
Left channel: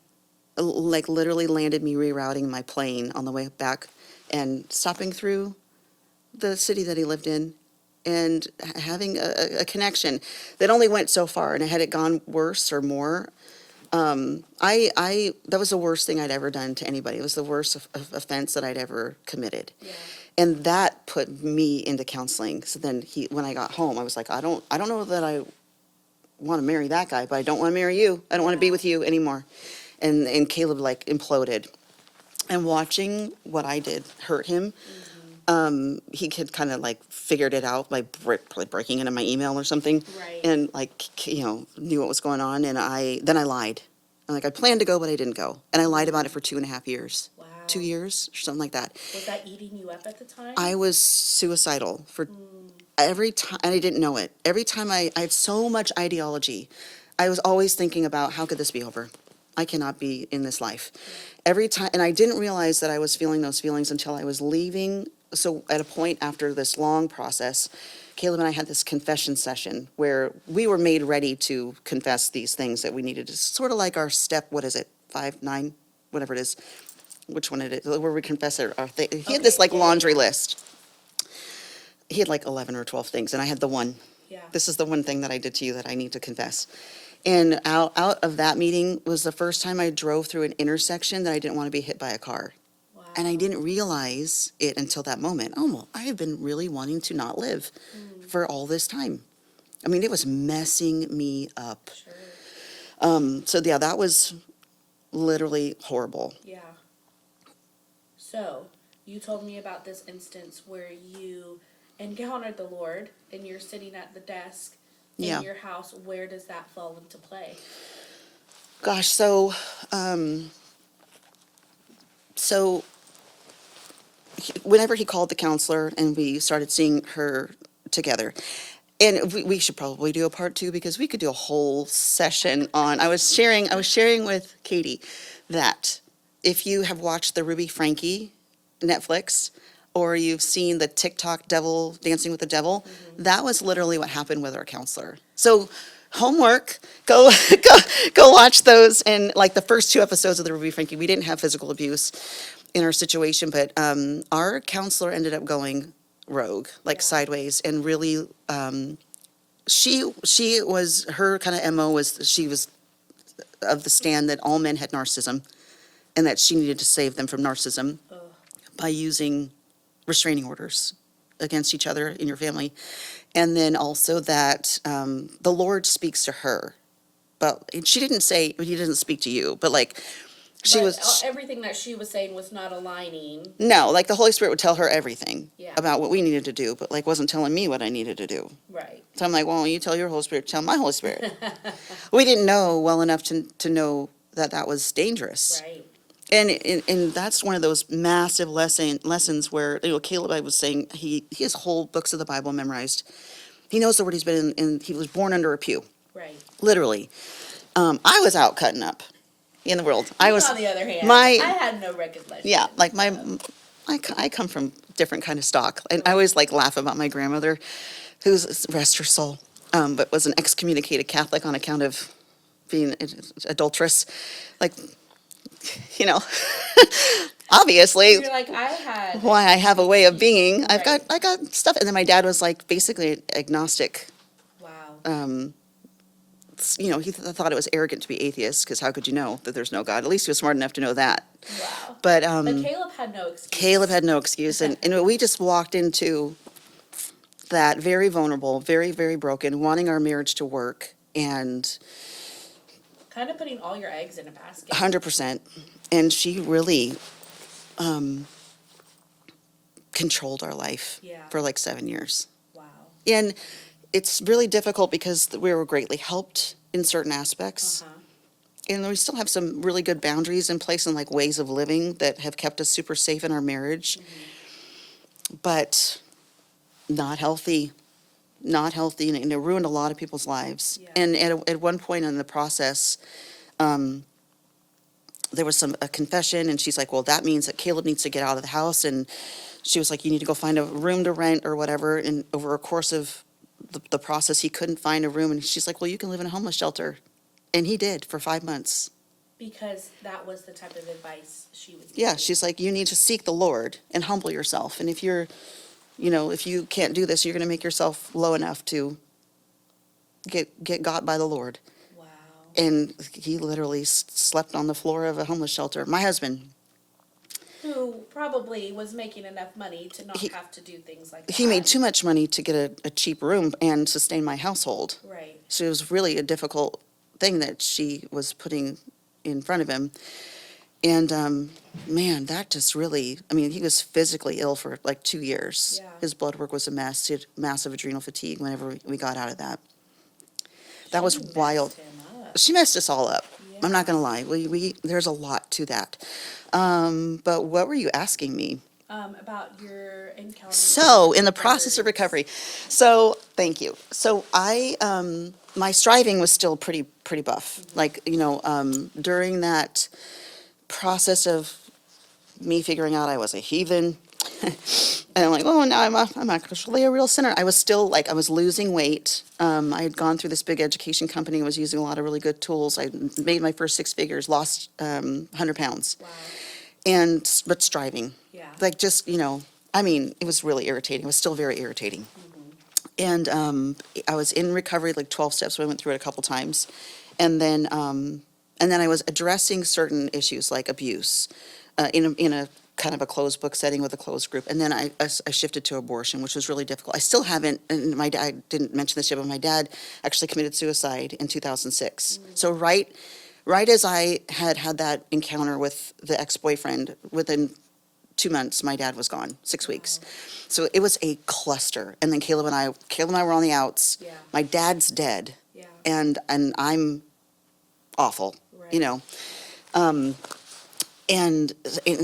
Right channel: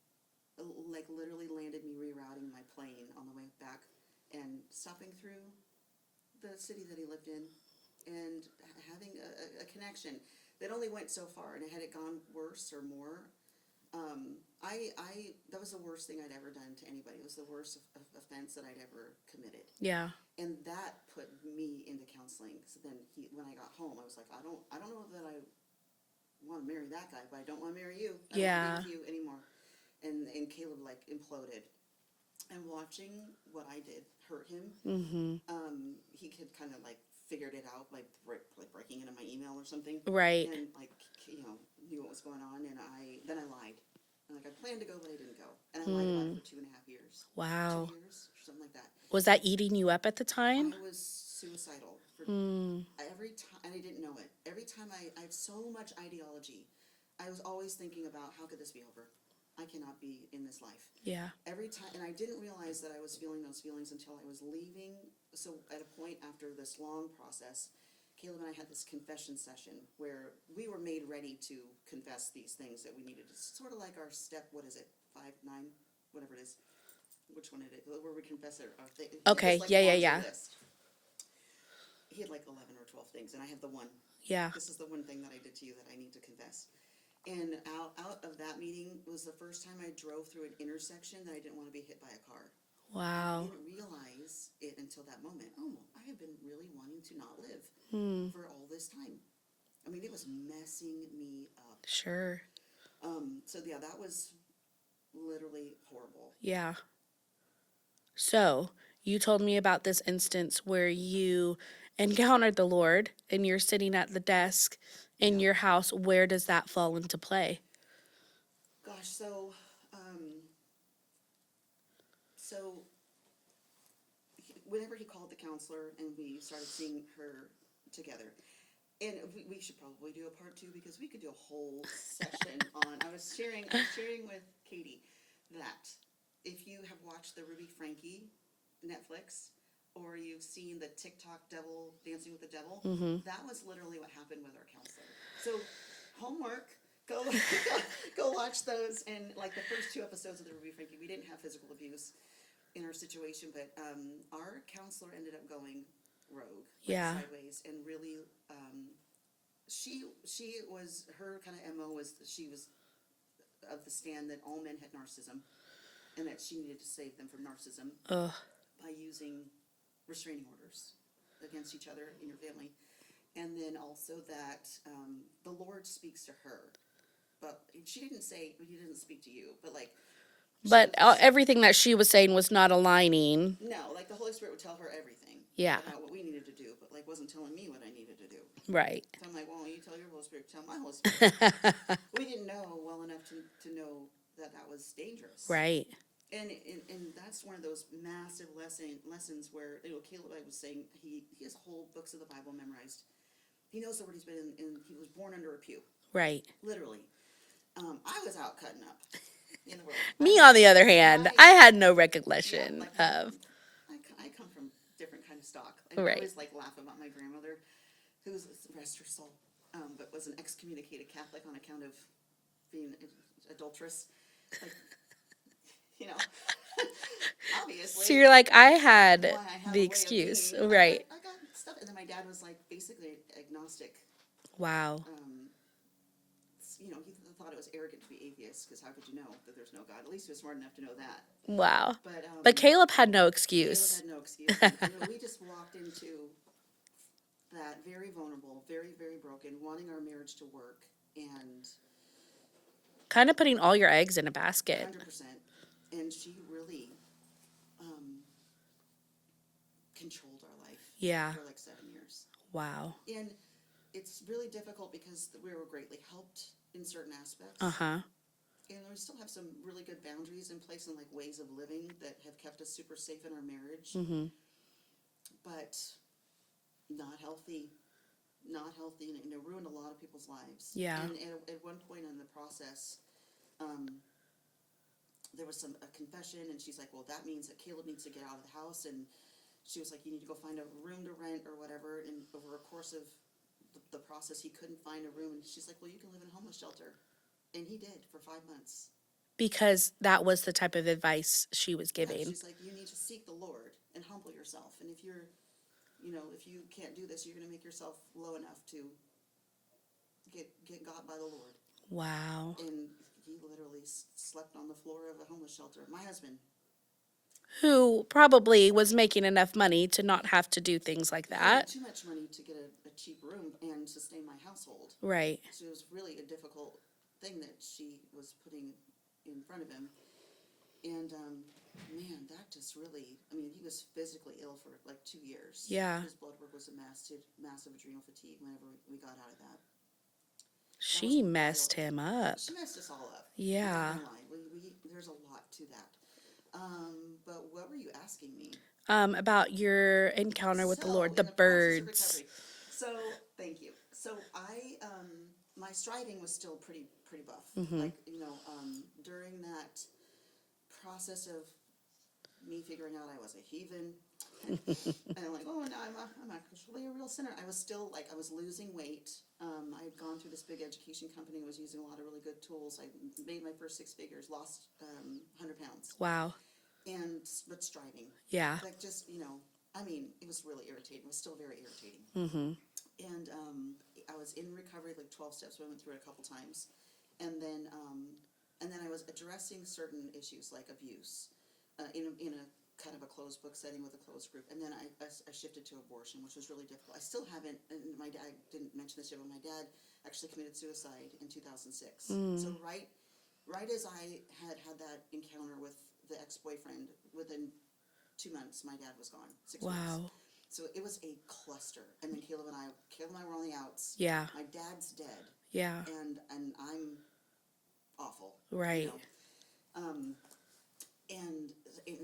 like, literally landed me rerouting my plane on the way back and stopping through the city that he lived in and having a connection that only went so far. And had it gone worse or more, that was the worst thing I'd ever done to anybody. It was the worst offense that I'd ever committed. Yeah. And that put me into counseling. So then when I got home, I was like, I don't know that I want to marry that guy, but I don't want to marry you. I don't want to be Yeah. with you anymore. And Caleb, like, imploded. And watching what I did hurt him, he had kind of, like, figured it out by probably breaking into my email or something. Right. And, like, knew what was going on. And then I lied. Like, I planned to go, but I didn't go. And I lied about it for 2.5 years. Wow. 2 years or something like that. Was that eating you up at the time? I was suicidal for every time, and I didn't know it. Every time I had so much ideology, I was always thinking about, how could this be over? I cannot be in this life. Yeah. Every time, and I didn't realize that I was feeling those feelings until I was leaving. So at a point after this long process, Caleb and I had this confession session where we were made ready to confess these things that we needed to, sort of like our step, what is it, 5, 9, whatever it is, which one it is, where we confess our thing. He had this, Okay, like, yeah, yeah, laundry yeah. list. He had like 11 or 12 things, and I had the one. Yeah. This is the one thing that I did to you that I need to confess. And out of that meeting was the first time I drove through an intersection that I didn't want to be hit by a car. Wow. And I didn't realize it until that moment. Oh, well, I have been really wanting to not live for all this time. I mean, it was messing me up. Sure. So yeah, that was literally horrible. Yeah. So, you told me about this instance where you encountered the Lord and you're sitting at the desk in Yeah. your house. Where does that fall into play? Gosh, so whenever he called the counselor and we started seeing her together, and we should probably do a part 2 because we could do a whole session on. I was sharing with Katie that if you have watched the Ruby Frankie Netflix, or you've seen the TikTok Devil Dancing with the Devil, that was literally what happened with our counselor. So homework, go watch those. And like the first 2 episodes of the Ruby Frankie, we didn't have physical abuse in our situation, but our counselor ended up going rogue, like Yeah. sideways, and really, she was, her kind of MO was, she was of the stand that all men had narcissism and that she needed to save them from narcissism Ugh. by using restraining orders against each other in your family. And then also that the Lord speaks to her. But she didn't say, he doesn't speak to you, but like, But everything that she was saying was not aligning. no, like the Holy Spirit would tell her everything Yeah. about what we needed to do, but like wasn't telling me what I needed to do. Right. So I'm like, well, you tell your Holy Spirit, tell my Holy Spirit. We didn't know well enough to know that was dangerous. Right. And that's one of those massive lessons where, Caleb, I was saying, he has whole books of the Bible memorized. He knows the word. He's been in, he was born under a pew, Right. literally. I was out cutting up in the world. Me, on the other hand, I had no recollection. Yeah, like I come from different kind of stock. And I always like laugh about my grandmother, who's, rest her soul, but was an excommunicated Catholic on account of being adulteress. Like, obviously. You're like, I had. Why I have a the way of excuse. being. Right. I got stuff. And then my dad was like basically agnostic. Wow. He thought it was arrogant to be atheist because how could you know that there's no God? At least he was smart enough to know that. Wow. But Caleb had no excuse. Caleb had no excuse. And we just walked into that very vulnerable, very, very broken, wanting our marriage to work, and kind of putting all your eggs in a basket. 100%. And she really controlled our life Yeah. for like 7 years. Wow. And it's really difficult because we were greatly helped in certain aspects. Uh-huh. And we still have some really good boundaries in place and like ways of living that have kept us super safe in our marriage. But not healthy, and it ruined a lot of people's lives. Yeah. And at one point in the process, there was a confession, and she's like, well, that means that Caleb needs to get out of the house. And she was like, you need to go find a room to rent or whatever. And over a course of the process, he couldn't find a room. And she's like, well, you can live in a homeless shelter. And he did for 5 months. Because that was the type of advice she was giving. Yeah, she's like, you need to seek the Lord and humble yourself. And if you're, if you can't do this, you're going to make yourself low enough to get got by the Lord. Wow. And he literally slept on the floor of a homeless shelter. My husband, who probably was making enough money to not have to do things like that. he made too much money to get a cheap room and sustain my household. Right. So it was really a difficult thing that she was putting in front of him. And man, that just really, he was physically ill for like 2 years. Yeah. His blood work was a mess. He had massive adrenal fatigue whenever we got out of that. That was wild. She messed him up. She messed us all up. Yeah. I'm not going to lie. We there's a lot to that. But what were you asking me? About your encounter with So, in the birds. process of recovery. So, thank you. So, my striving was still pretty buff. Like, during that process of me figuring out I was a heathen, and I'm like, oh, now I'm actually a real sinner. I was still like, I was losing weight. I had gone through this big education company, was using a lot of really good tools. I made my first 6 figures, lost 100 pounds. Wow. But striving. Yeah. Like just, it was really irritating. It was still very irritating. And I was in recovery, like 12 steps. So I went through it a couple times. And then I was addressing certain issues like abuse in a kind of a closed book setting with a closed group. And then I shifted to abortion, which was really difficult. I still haven't, and I didn't mention this yet, but my dad actually committed suicide in 2006. So right as I had that encounter with the ex-boyfriend, within 2 months, my dad was gone, 6 weeks. So it was a cluster. And then Caleb and I were on the outs. Yeah. My dad's dead. Yeah. And I'm awful. Right. And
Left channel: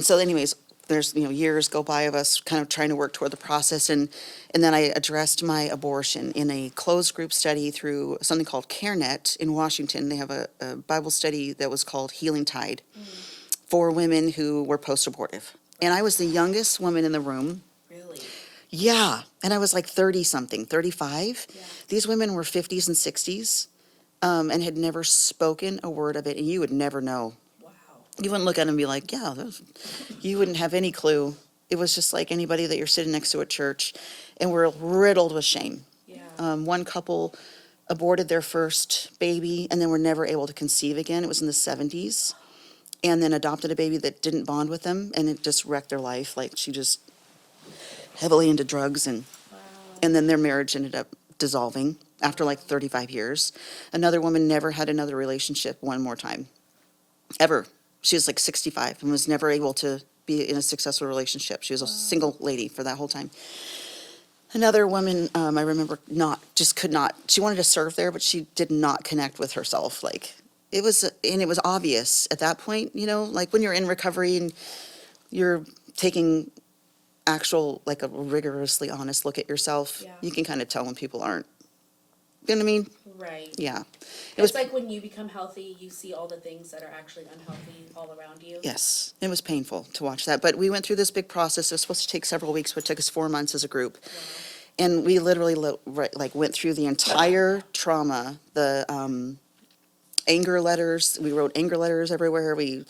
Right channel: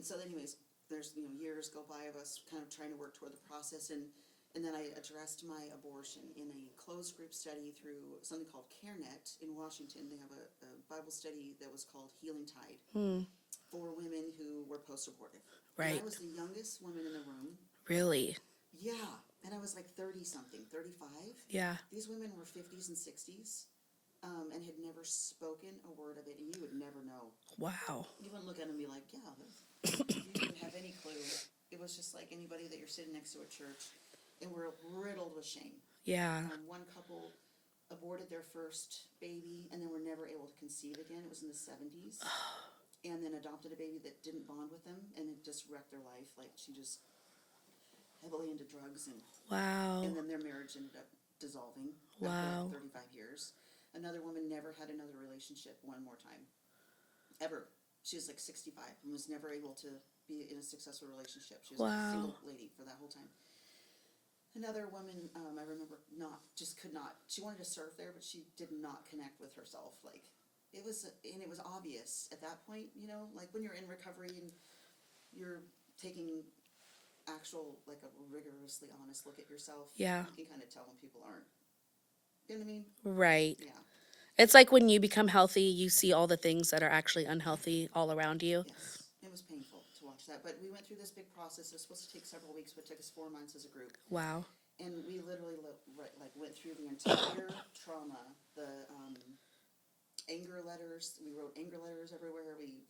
so anyways, there's, years go by of us kind of trying to work toward the process. And then I addressed my abortion in a closed group study through something called CareNet in Washington. They have a Bible study that was called Healing Tide for women who were post-abortive. Right. And I was the youngest woman in the room. Really? Yeah. And I was like 30-something, 35. Yeah. These women were 50s and 60s and had never spoken a word of it. And you would never know. Wow. You wouldn't look at them and be like, yeah, you wouldn't have any clue. It was just like anybody that you're sitting next to at church. And we're riddled with shame. Yeah. One couple aborted their first baby and then were never able to conceive again. It was in the 70s. And then adopted a baby that didn't bond with them, and it just wrecked their life. Like, she just heavily into drugs, and Wow. and then their marriage ended up dissolving after like 35 years. Another woman never had another relationship one more time, ever. She was like 65 and was never able to be in a successful relationship. She was a single lady for that whole time. Another woman, I remember, could not. She wanted to serve there, but she did not connect with herself. Like, it was obvious at that point, like when you're in recovery and you're taking actual, like a rigorously honest look at yourself, Yeah. you can kind of tell when people aren't. You know what I mean? Right. Yeah. It's like when you become healthy, you see all the things that are actually unhealthy all around you. Yes. It was painful to watch that. But we went through this big process. It was supposed to take several weeks, but it took us 4 months as a group. Wow. And we literally went through the entire trauma, the anger letters. We wrote anger letters everywhere. We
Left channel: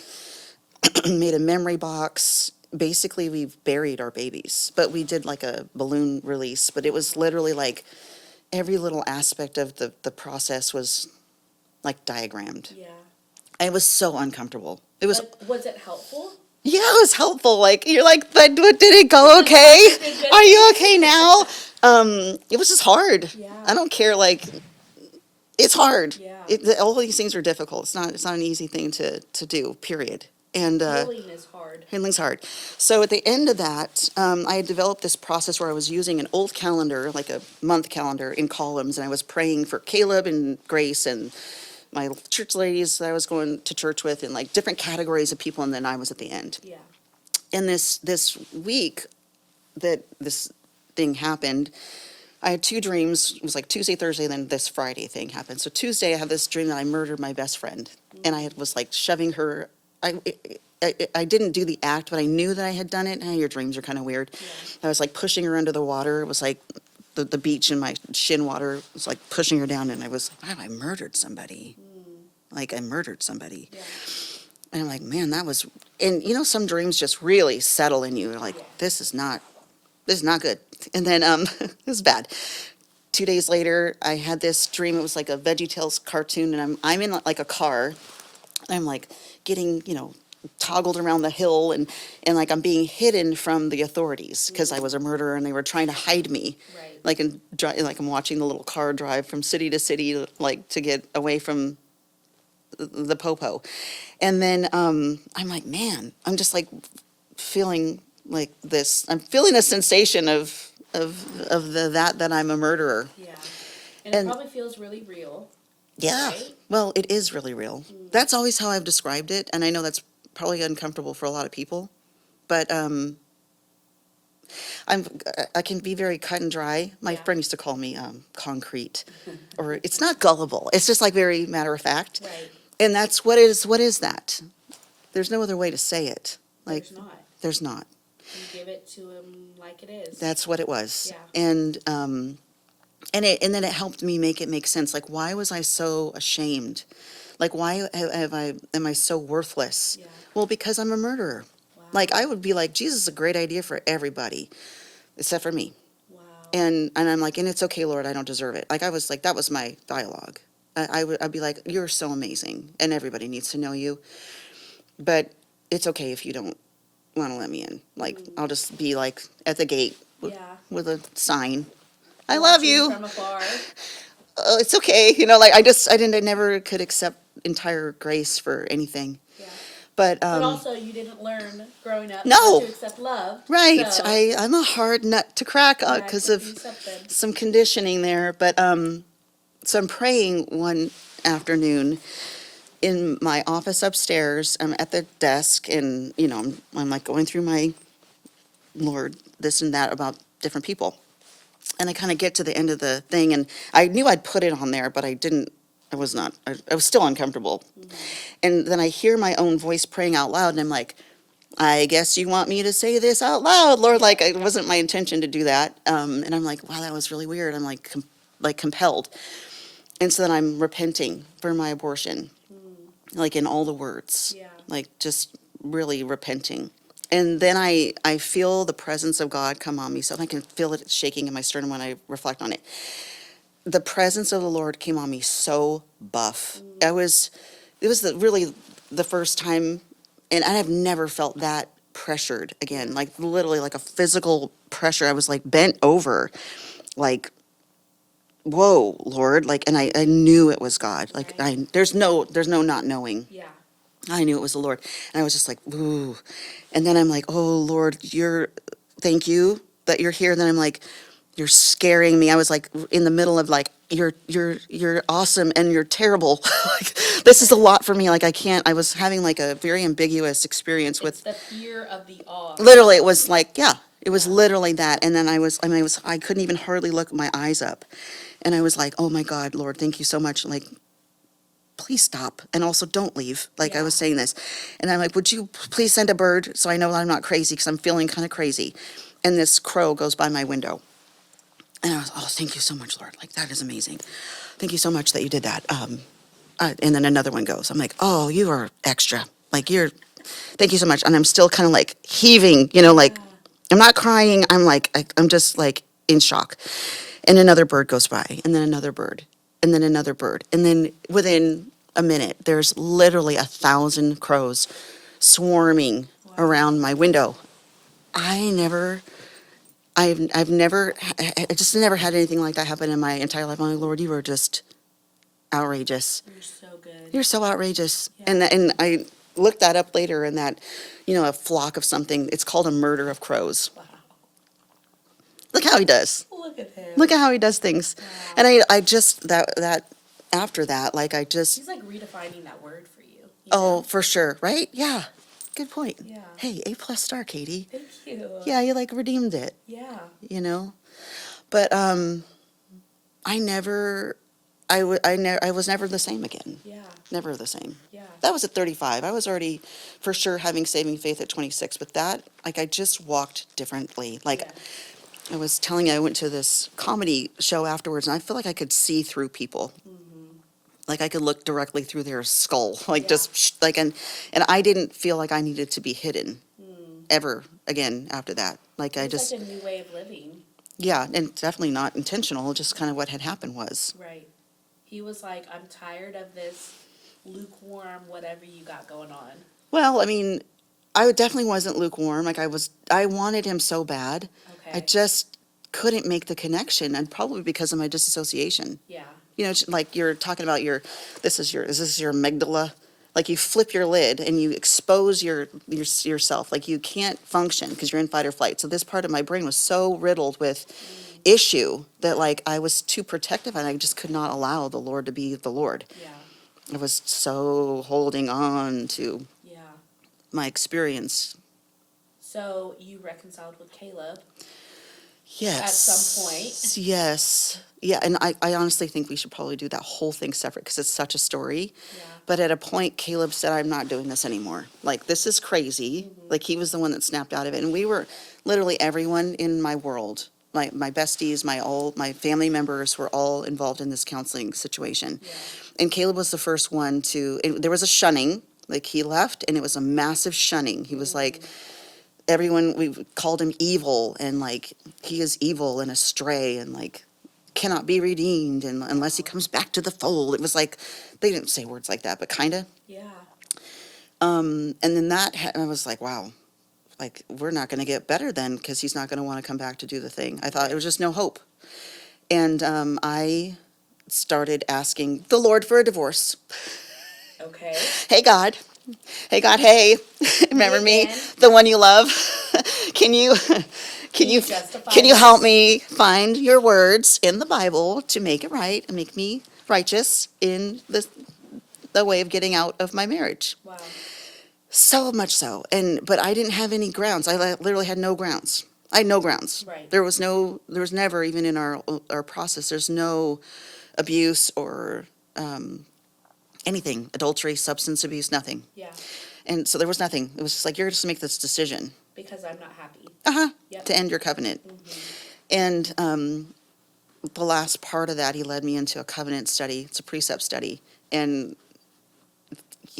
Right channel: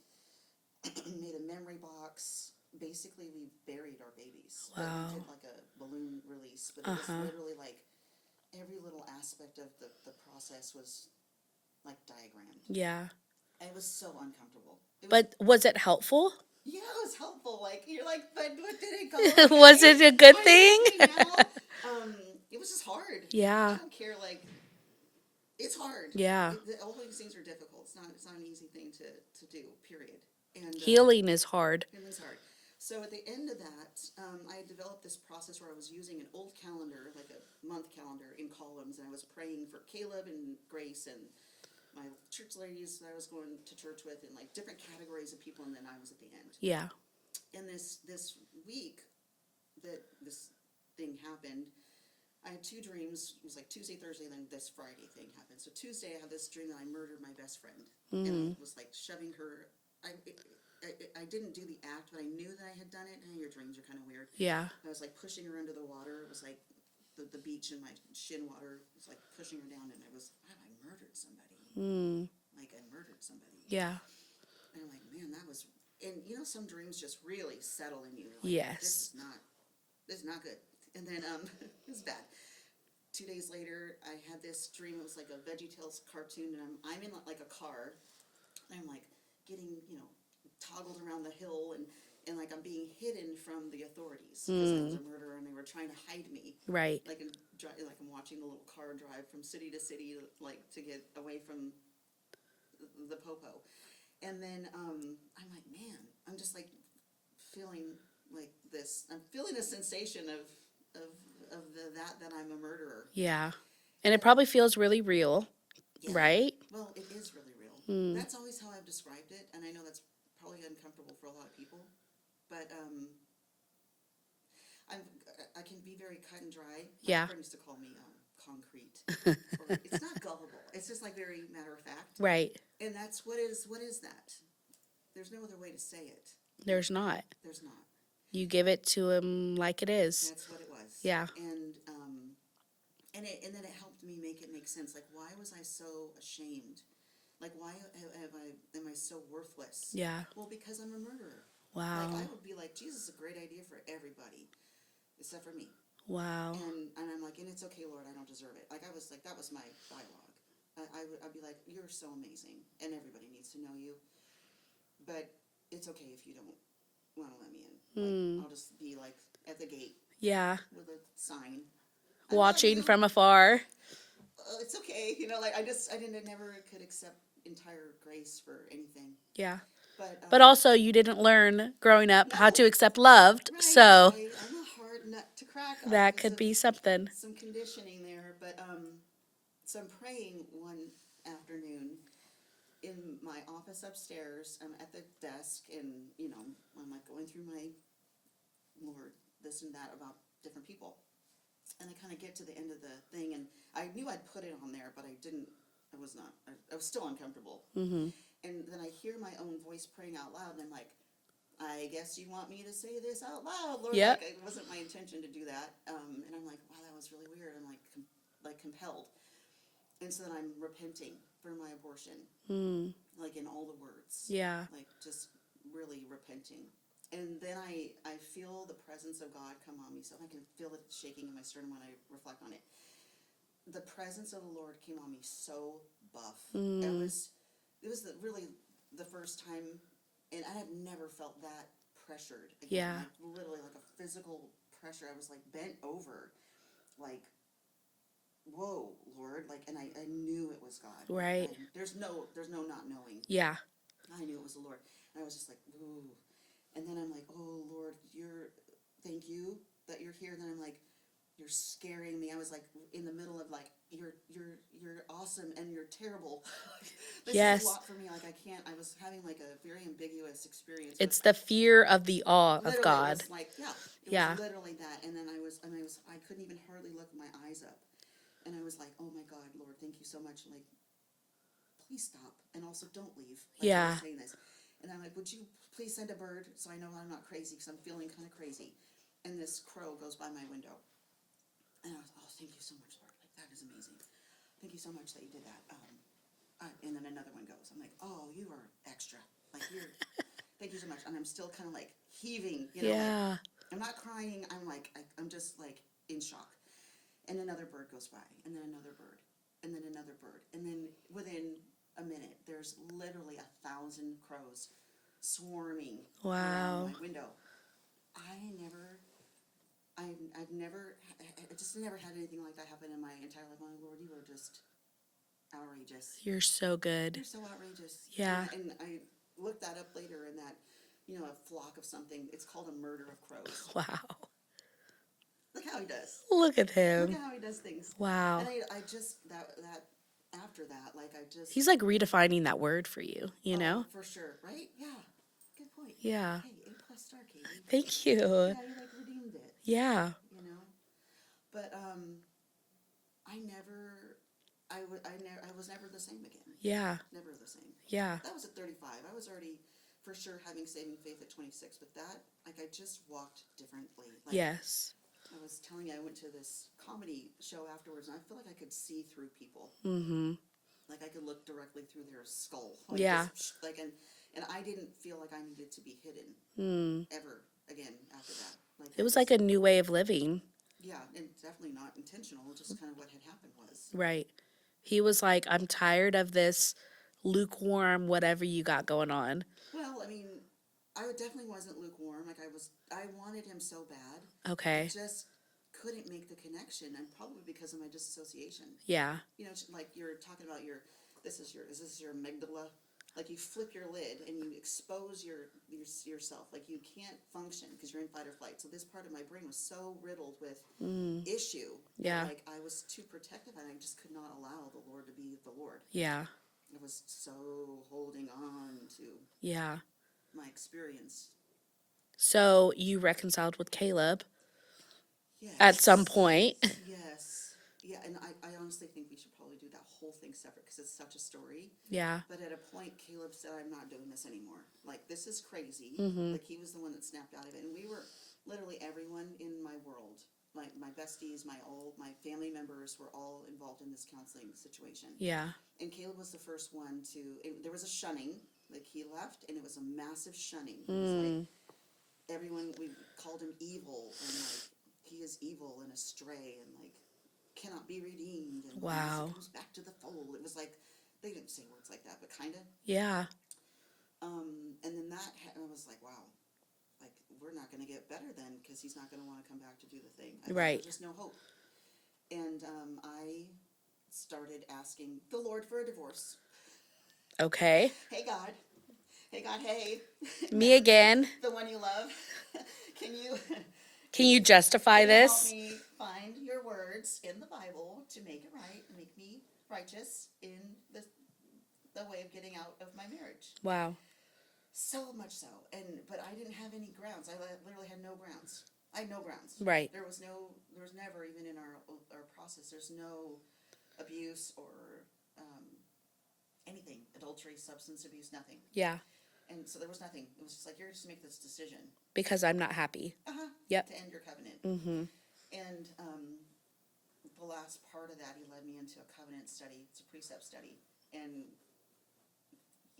made a memory box. Basically, we've buried our babies, but we did like a balloon release. But it was literally like every little aspect of the process was like diagrammed. Yeah. It was so uncomfortable. It was. But was it helpful? Yeah, it was helpful. Like, you're like, but did it go okay? Was it a good Are you thing? okay now? It was just hard. Yeah. I don't care. Like, it's hard. Yeah. All these things are difficult. It's not an easy thing to do. Period. And Healing is hard. healing's hard. So at the end of that, I had developed this process where I was using an old calendar, like a month calendar, in columns, and I was praying for Caleb and Grace and my church ladies that I was going to church with, and like different categories of people, and then I was at the end. Yeah. And this week that this thing happened, I had 2 dreams. It was like Tuesday, Thursday, then this Friday thing happened. So Tuesday, I had this dream that I murdered my best friend, and I was like shoving her I didn't do the act, but I knew that I had done it. Your dreams are kind of weird. Yeah. I was like pushing her under the water. It was like the beach in my shin water was like pushing her down, and I was, wow, I murdered somebody. Like I murdered somebody. Yeah. And I'm like, man, that was, and some dreams just really settle in you. You're like, Yes. this is not good. And then it was bad. 2 days later, I had this dream. It was like a VeggieTales cartoon, and I'm in like a car. I'm like getting, toggled around the hill, and like I'm being hidden from the authorities because I was a murderer and they were trying to hide me. Right. Like like I'm watching the little car drive from city to city, like to get away from the popo. And then I'm like, man, I'm just like feeling like this. I'm feeling a sensation of that I'm a murderer. Yeah. And it And- probably feels really real. Yeah. Right? Well, it is really real. That's always how I've described it, and I know that's probably uncomfortable for a lot of people, but I can be very cut and dry. My Yeah. friend used to call me concrete, or it's not gullible. It's just like very matter of fact. Right. And that's what is that? There's no other way to say it. Like, There's not. There's not. You give it to him like it is. That's what it was. Yeah. And then it helped me make it make sense. Like, why was I so ashamed? Like, why am I so worthless? Yeah. Well, because I'm a murderer. Wow. Like, I would be like, Jesus is a great idea for everybody, except for me. Wow. And I'm like, and it's okay, Lord, I don't deserve it. Like, I was like, that was my dialogue. I'd be like, you're so amazing, and everybody needs to know you. But it's okay if you don't want to let me in. Like, I'll just be like at the gate Yeah. with a sign. I love Watching you. from afar. It's okay. Like I never could accept entire grace for anything. Yeah. But But also, you didn't learn growing up No. how to accept love. right. So I'm a hard nut to crack that because could of be something. some conditioning there. But so I'm praying one afternoon in my office upstairs. I'm at the desk, and I'm like going through my Lord, this and that about different people. And I kind of get to the end of the thing, and I knew I'd put it on there, but I didn't. I was not. I was still uncomfortable. And then I hear my own voice praying out loud, and I'm like, I guess you want me to say this out loud, Lord. Yep. Like, it wasn't my intention to do that. And I'm like, wow, that was really weird. I'm like, compelled. And so then I'm repenting for my abortion, like in all the words. Yeah. Like, just really repenting. And then I feel the presence of God come on me. So I can feel it shaking in my sternum when I reflect on it. The presence of the Lord came on me so buff. It was really the first time, and I have never felt that pressured again. Yeah. Like, literally like a physical pressure. I was like bent over, like, whoa, Lord. Like, and I knew it was God. Like, Right. there's no not knowing. Yeah. I knew it was the Lord. And I was just like, ooh. And then I'm like, oh, Lord, thank you that you're here. And then I'm like, you're scaring me. I was like in the middle of like, you're awesome and you're terrible. Like, this is a Yes. lot for me. Like, I was having like a very ambiguous experience It's with, the fear of the awe. of literally, it God. was like, yeah, it was Yeah. literally that. And then I couldn't even hardly look my eyes up. And I was like, oh my God, Lord, thank you so much. Like, please stop. And also don't leave. Like, I Yeah. was saying this. And I'm like, would you please send a bird so I know that I'm not crazy, because I'm feeling kind of crazy. And this crow goes by my window. And I was, oh, thank you so much, Lord. Like, that is amazing. Thank you so much that you did that. And then another one goes. I'm like, oh, you are extra. Like, thank you so much. And I'm still kind of like heaving, like, Yeah. I'm not crying. I'm like, I'm just like in shock. And another bird goes by, and then another bird, and then another bird. And then within a minute, there's literally 1,000 crows swarming around my window. I've never, I just never had anything like that happen in my entire life. I'm like, Lord, you are just outrageous. You're so good. You're so outrageous. Yeah. And I looked that up later, and that, a flock of something, it's called a murder of crows. Wow. Look how he does. Look at him. Look at how he does things. Wow. And I just, that after that, like, I just, He's like redefining that word for you. You oh, know? for sure, right? Yeah. Good point. Yeah. Hey, A+ star, Katie. Thank you. Yeah, you like redeemed it, Yeah. But I never I was never the same again. Yeah. Never the same. Yeah. That was at 35. I was already for sure having saving faith at 26, but that, like, I just walked differently. Like, Yes. I was telling you, I went to this comedy show afterwards, and I feel like I could see through people. Like, I could look directly through their skull, like, Yeah. just like, and I didn't feel like I needed to be hidden ever again after that. Like, It I was just, like a new way of living. yeah, and definitely not intentional, just kind of what had happened was. Right. He was like, I'm tired of this lukewarm, whatever you got going on. Well, I mean, I definitely wasn't lukewarm. Like, I wanted him so bad. I Okay. just couldn't make the connection, and probably because of my disassociation. Yeah. You know, it's like you're talking about is this your amygdala? Like, you flip your lid and you expose yourself. Like, you can't function because you're in fight or flight. So this part of my brain was so riddled with issue that, Yeah. like, I was too protective, and I just could not allow the Lord to be the Lord. Yeah. I was so holding on to Yeah. my experience. So you reconciled with Caleb. Yes. At some point. Yes. Yeah, and I honestly think we should probably do that whole thing separate because it's such a story. Yeah. But at a point, Caleb said, I'm not doing this anymore. Like, this is crazy. Mm-hmm. Like, he was the one that snapped out of it. And we were literally everyone in my world, my besties, my family members were all involved in this counseling situation. Yeah. And Caleb was the first one there was a shunning. Like, he left, and it was a massive shunning. He was like, everyone, we called him evil, and like, he is evil and astray, and like, cannot be redeemed, and unless he Wow. comes back to the fold. It was like, they didn't say words like that, but kind of. Yeah. And then I was like, wow, like, we're not going to get better then, because he's not going to want to come back to do the thing. I thought Right. there was just no hope. And I started asking the Lord for a divorce. Okay. Hey, God. Hey, God, hey. Remember me? again. The one you love? Can you justify Can you this? help me find your words in the Bible to make it right and make me righteous in the way of getting out of my marriage? Wow. So much so. But I didn't have any grounds. I literally had no grounds. I had no grounds. Right. There was never, even in our process, there's no abuse or anything, adultery, substance abuse, nothing. Yeah. And so there was nothing. It was just like, you're just to make this decision. Because I'm not happy. Yep. To end your covenant. And the last part of that, he led me into a covenant study. It's a precept study. And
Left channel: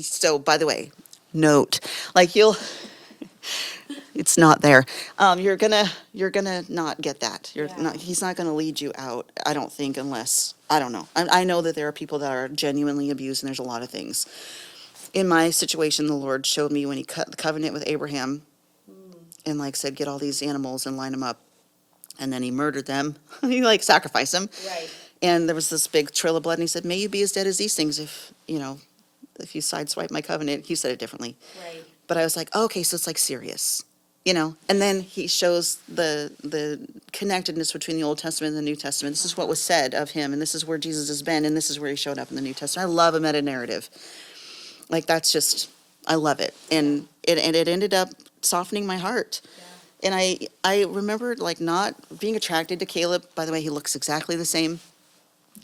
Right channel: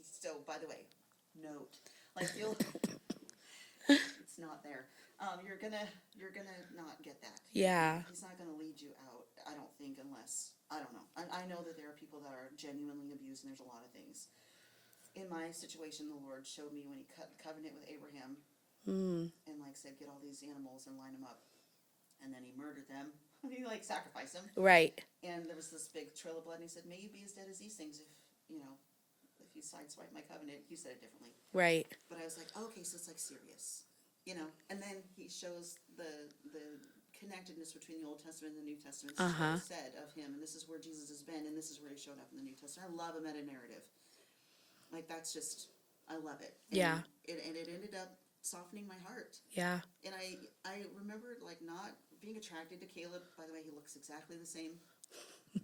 so, by the way, note, like, it's not there. You're gonna not get that. Yeah. He's not gonna lead you out, I don't think, unless, I don't know. I know that there are people that are genuinely abused, and there's a lot of things. In my situation, the Lord showed me when he cut the covenant with Abraham, and like said, get all these animals and line them up. And then he murdered them. He like sacrificed them. Right. And there was this big trail of blood, and he said, may you be as dead as these things if you sideswipe my covenant. He said it differently. Right. But I was like, oh, okay, so it's like serious, And then he shows the connectedness between the Old Testament and the New Testament. This is what was said of him, and this is where Jesus has been, and this is where he showed up in the New Testament. I love a meta narrative. Like, that's just, I love it. And it ended up softening my heart. Yeah. And I remember, like, not being attracted to Caleb. By the way, he looks exactly the same.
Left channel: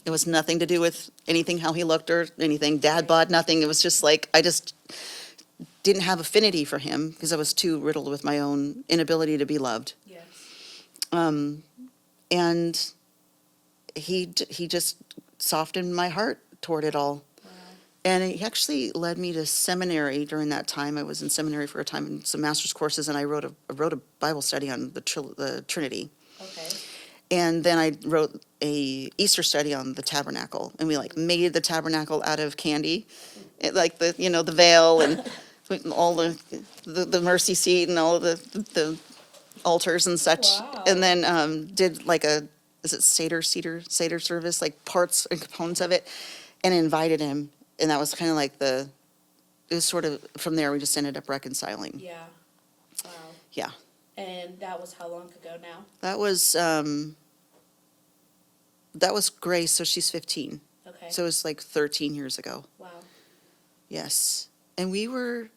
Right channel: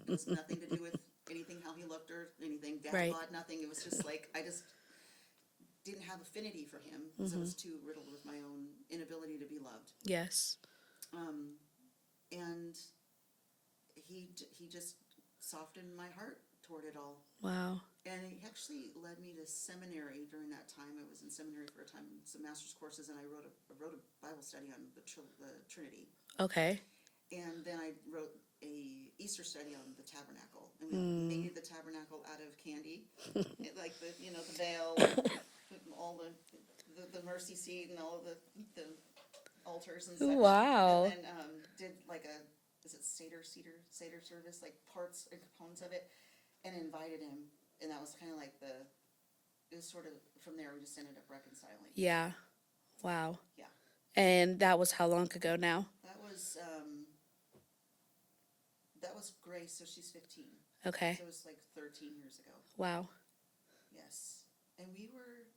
It was nothing to do with anything, how he looked or anything. Dad Right. bod, nothing. It was just like, I just didn't have affinity for him because I was too riddled with my own inability to be loved. Yes. And he just softened my heart toward it all. Wow. And he actually led me to seminary during that time. I was in seminary for a time in some master's courses, and I wrote a Bible study on the Trinity. Okay. And then I wrote a Easter study on the tabernacle, and we like made the tabernacle out of candy, like the veil and all the mercy seat and all of the altars and such. Wow. And then did like is it Seder service, like parts and components of it, and invited him. And that was kind of like it was sort of, from there we just ended up reconciling. Yeah. Wow. Yeah. And that was how long ago now? That was Grace, so she's 15. Okay. So it was like 13 years ago. Wow. Yes. And we were,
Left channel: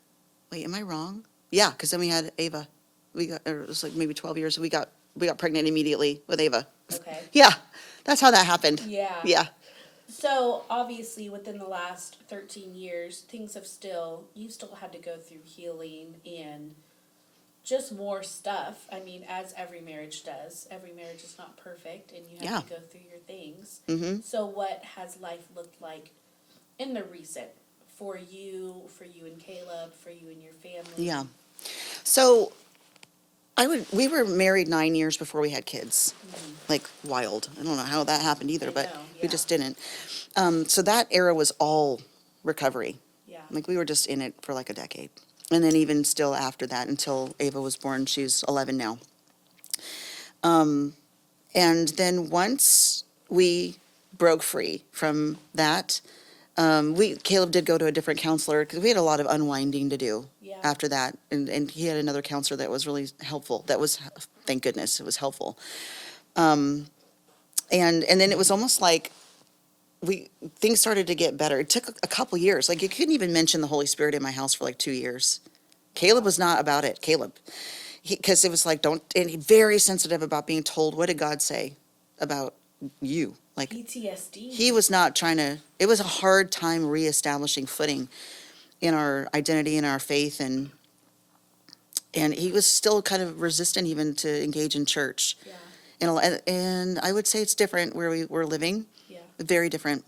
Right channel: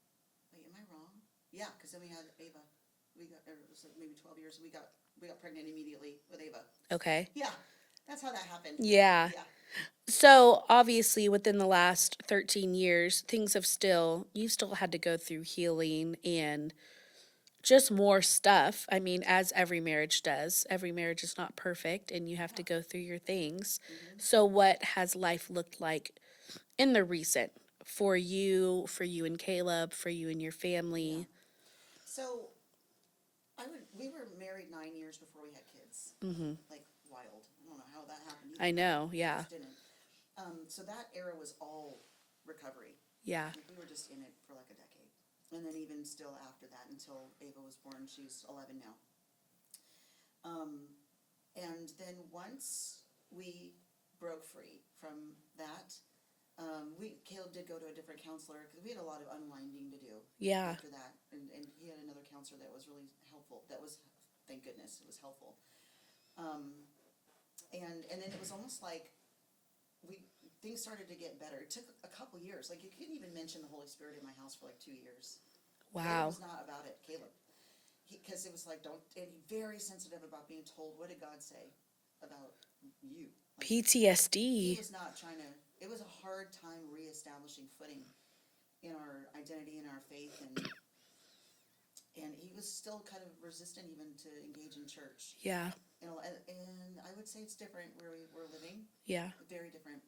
wait, am I wrong? Yeah, because then we had Ava. It was like maybe 12 years. We got pregnant immediately with Ava. Okay. Yeah, that's how that happened. Yeah. Yeah. So obviously within the last 13 years, you still had to go through healing and just more stuff. I mean, as every marriage does, every marriage is not perfect and you have Yeah. to go through your things. Mm-hmm. So what has life looked like in the recent for you and Caleb, for you and your family? Yeah. So we were married 9 years before we had kids. Like wild. I don't know how that happened either, I but know, we yeah. just didn't. So that era was all recovery. Yeah. Like we were just in it for like a decade. And then even still after that until Ava was born, she's 11 now. And then once we broke free from that, Caleb did go to a different counselor because we had a lot of unwinding to do Yeah. after that. And he had another counselor that was really helpful. Thank goodness, it was helpful. And then it was almost like things started to get better. It took a couple years. Like you couldn't even mention the Holy Spirit in my house for like 2 years. Caleb Wow. was not about it. Because it was like, and he very sensitive about being told, what did God say about you? Like PTSD. he was not trying to, it was a hard time reestablishing footing in our identity and our faith. And he was still kind of resistant even to engage in church. Yeah. And I would say it's different where we were living. Yeah. Very different.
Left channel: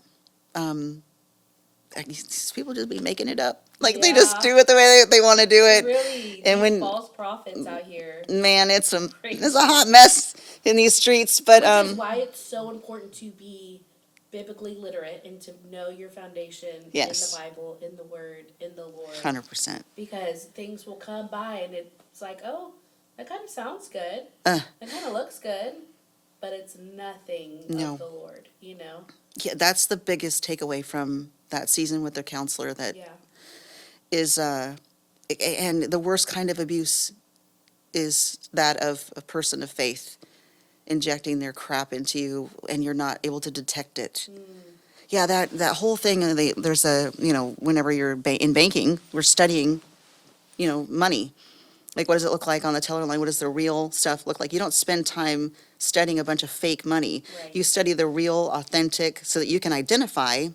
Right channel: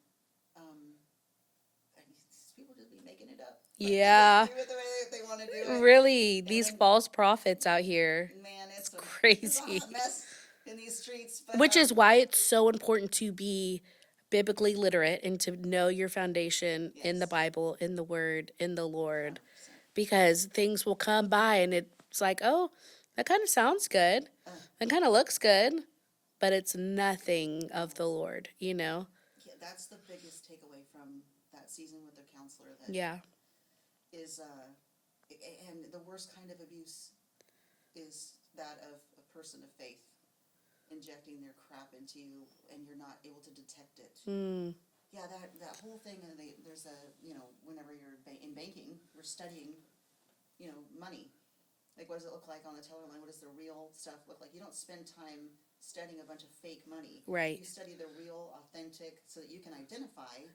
These people just be making it up. Like they Yeah. just do it the way they want to do it. Really, And these false prophets out here. Man, it's Crazy. a hot mess in these streets. But Which is why it's so important to be biblically literate and to know your foundation in the Yes. Bible, in the Word, in the Lord. 100%. Because things will come by and it's like, oh, that kind of sounds good. That kind of looks good. But it's nothing No. of the Lord, you know? Yeah, that's the biggest takeaway from that season with their counselor. That Yeah. is, and the worst kind of abuse is that of a person of faith injecting their crap into you and you're not able to detect it. Yeah, that whole thing, there's whenever you're in banking, we're studying, money. Like, what does it look like on the teller line? What does the real stuff look like? You don't spend time studying a bunch of fake money. Right. You study the real, authentic, so that you can identify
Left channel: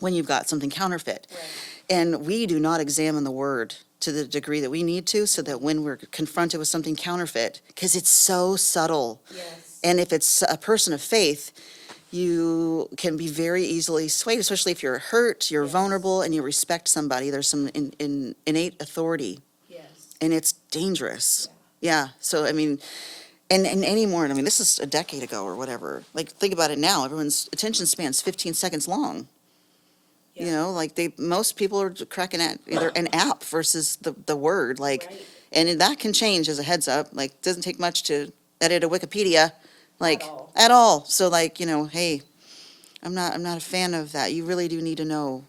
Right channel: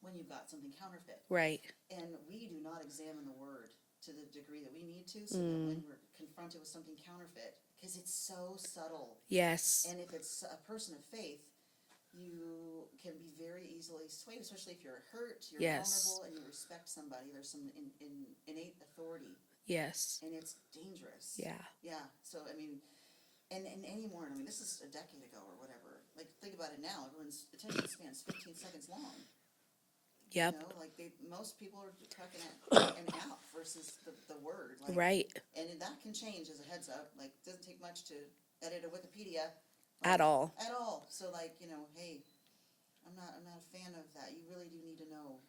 when you've got something counterfeit. Right. And we do not examine the word to the degree that we need to, so that when we're confronted with something counterfeit, because it's so subtle. Yes. And if it's a person of faith, you can be very easily swayed, especially if you're hurt, you're Yes. vulnerable, and you respect somebody. There's some innate authority, Yes. and it's dangerous. Yeah. Yeah. So, I mean, and anymore, I mean, this is a decade ago or whatever. Like, think about it now. Everyone's attention span's 15 seconds long. Yeah. You know, like most people are cracking at either an app versus the word. Like, Right. and that can change as a heads up. Like, it doesn't take much to edit a Wikipedia. Like, all. At all. So, like, hey, I'm not a fan of that. You really do need to know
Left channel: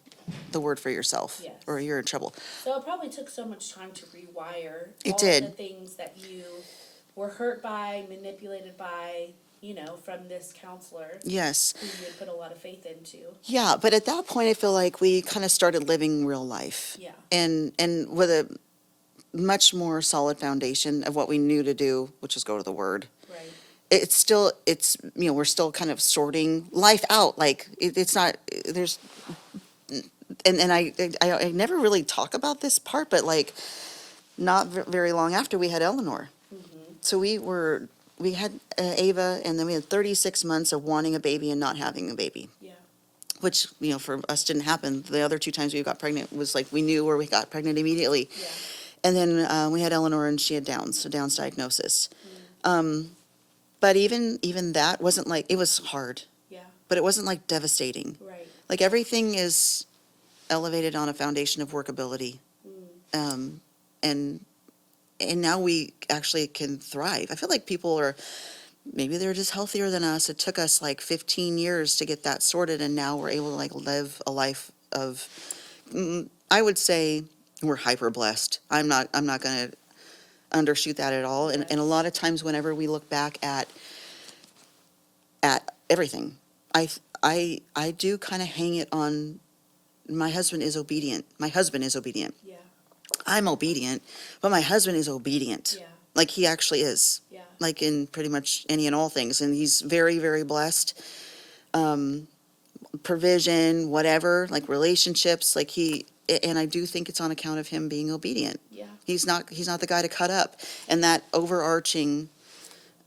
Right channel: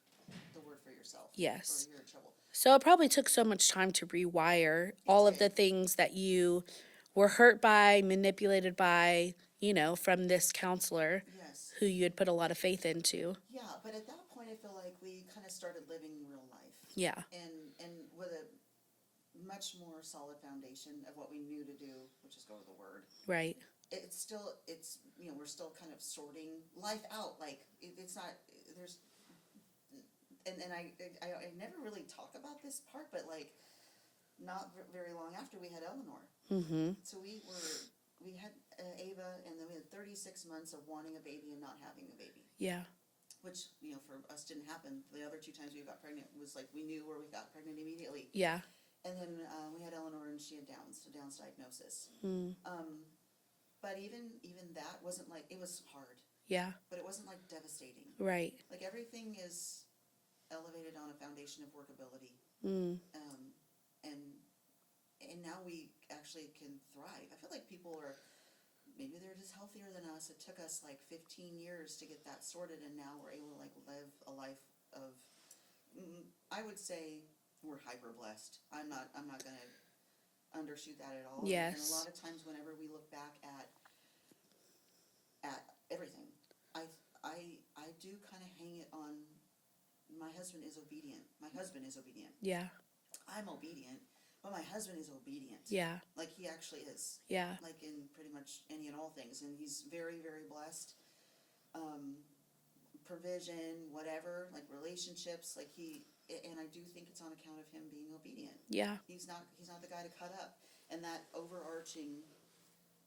the word for yourself. Yes. Or you're in trouble. So it probably took so much time to rewire It all did. of the things that you were hurt by, manipulated by, from this counselor Yes. who you had put a lot of faith into. Yeah, but at that point, I feel like we kind of started living real life. Yeah. And with a much more solid foundation of what we knew to do, which is go to the word. Right. It's we're still kind of sorting life out. Like it's not, there's, and I never really talk about this part, but like not very long after we had Eleanor. So we had Ava, and then we had 36 months of wanting a baby and not having a baby, Yeah. which, for us didn't happen. The other two times we got pregnant was like, we knew where we got pregnant immediately. Yeah. And then we had Eleanor, and she had Downs diagnosis. But even that wasn't like, it was hard, Yeah. but it wasn't like devastating. Right. Like everything is elevated on a foundation of workability. And now we actually can thrive. I feel like people maybe they're just healthier than us. It took us like 15 years to get that sorted, and now we're able to like live a life of, I would say we're hyper blessed. I'm not going to undershoot that at all. And a Yes. lot of times whenever we look back at everything, I do kind of hang it on, my husband is obedient. Yeah. I'm obedient, but my husband is obedient. Yeah. Like he actually is. Yeah. Like in pretty much any and all things. And he's very, very blessed. provision, whatever, like relationships, like and I do think it's on account of him being obedient. Yeah. He's not the guy to cut up. And that overarching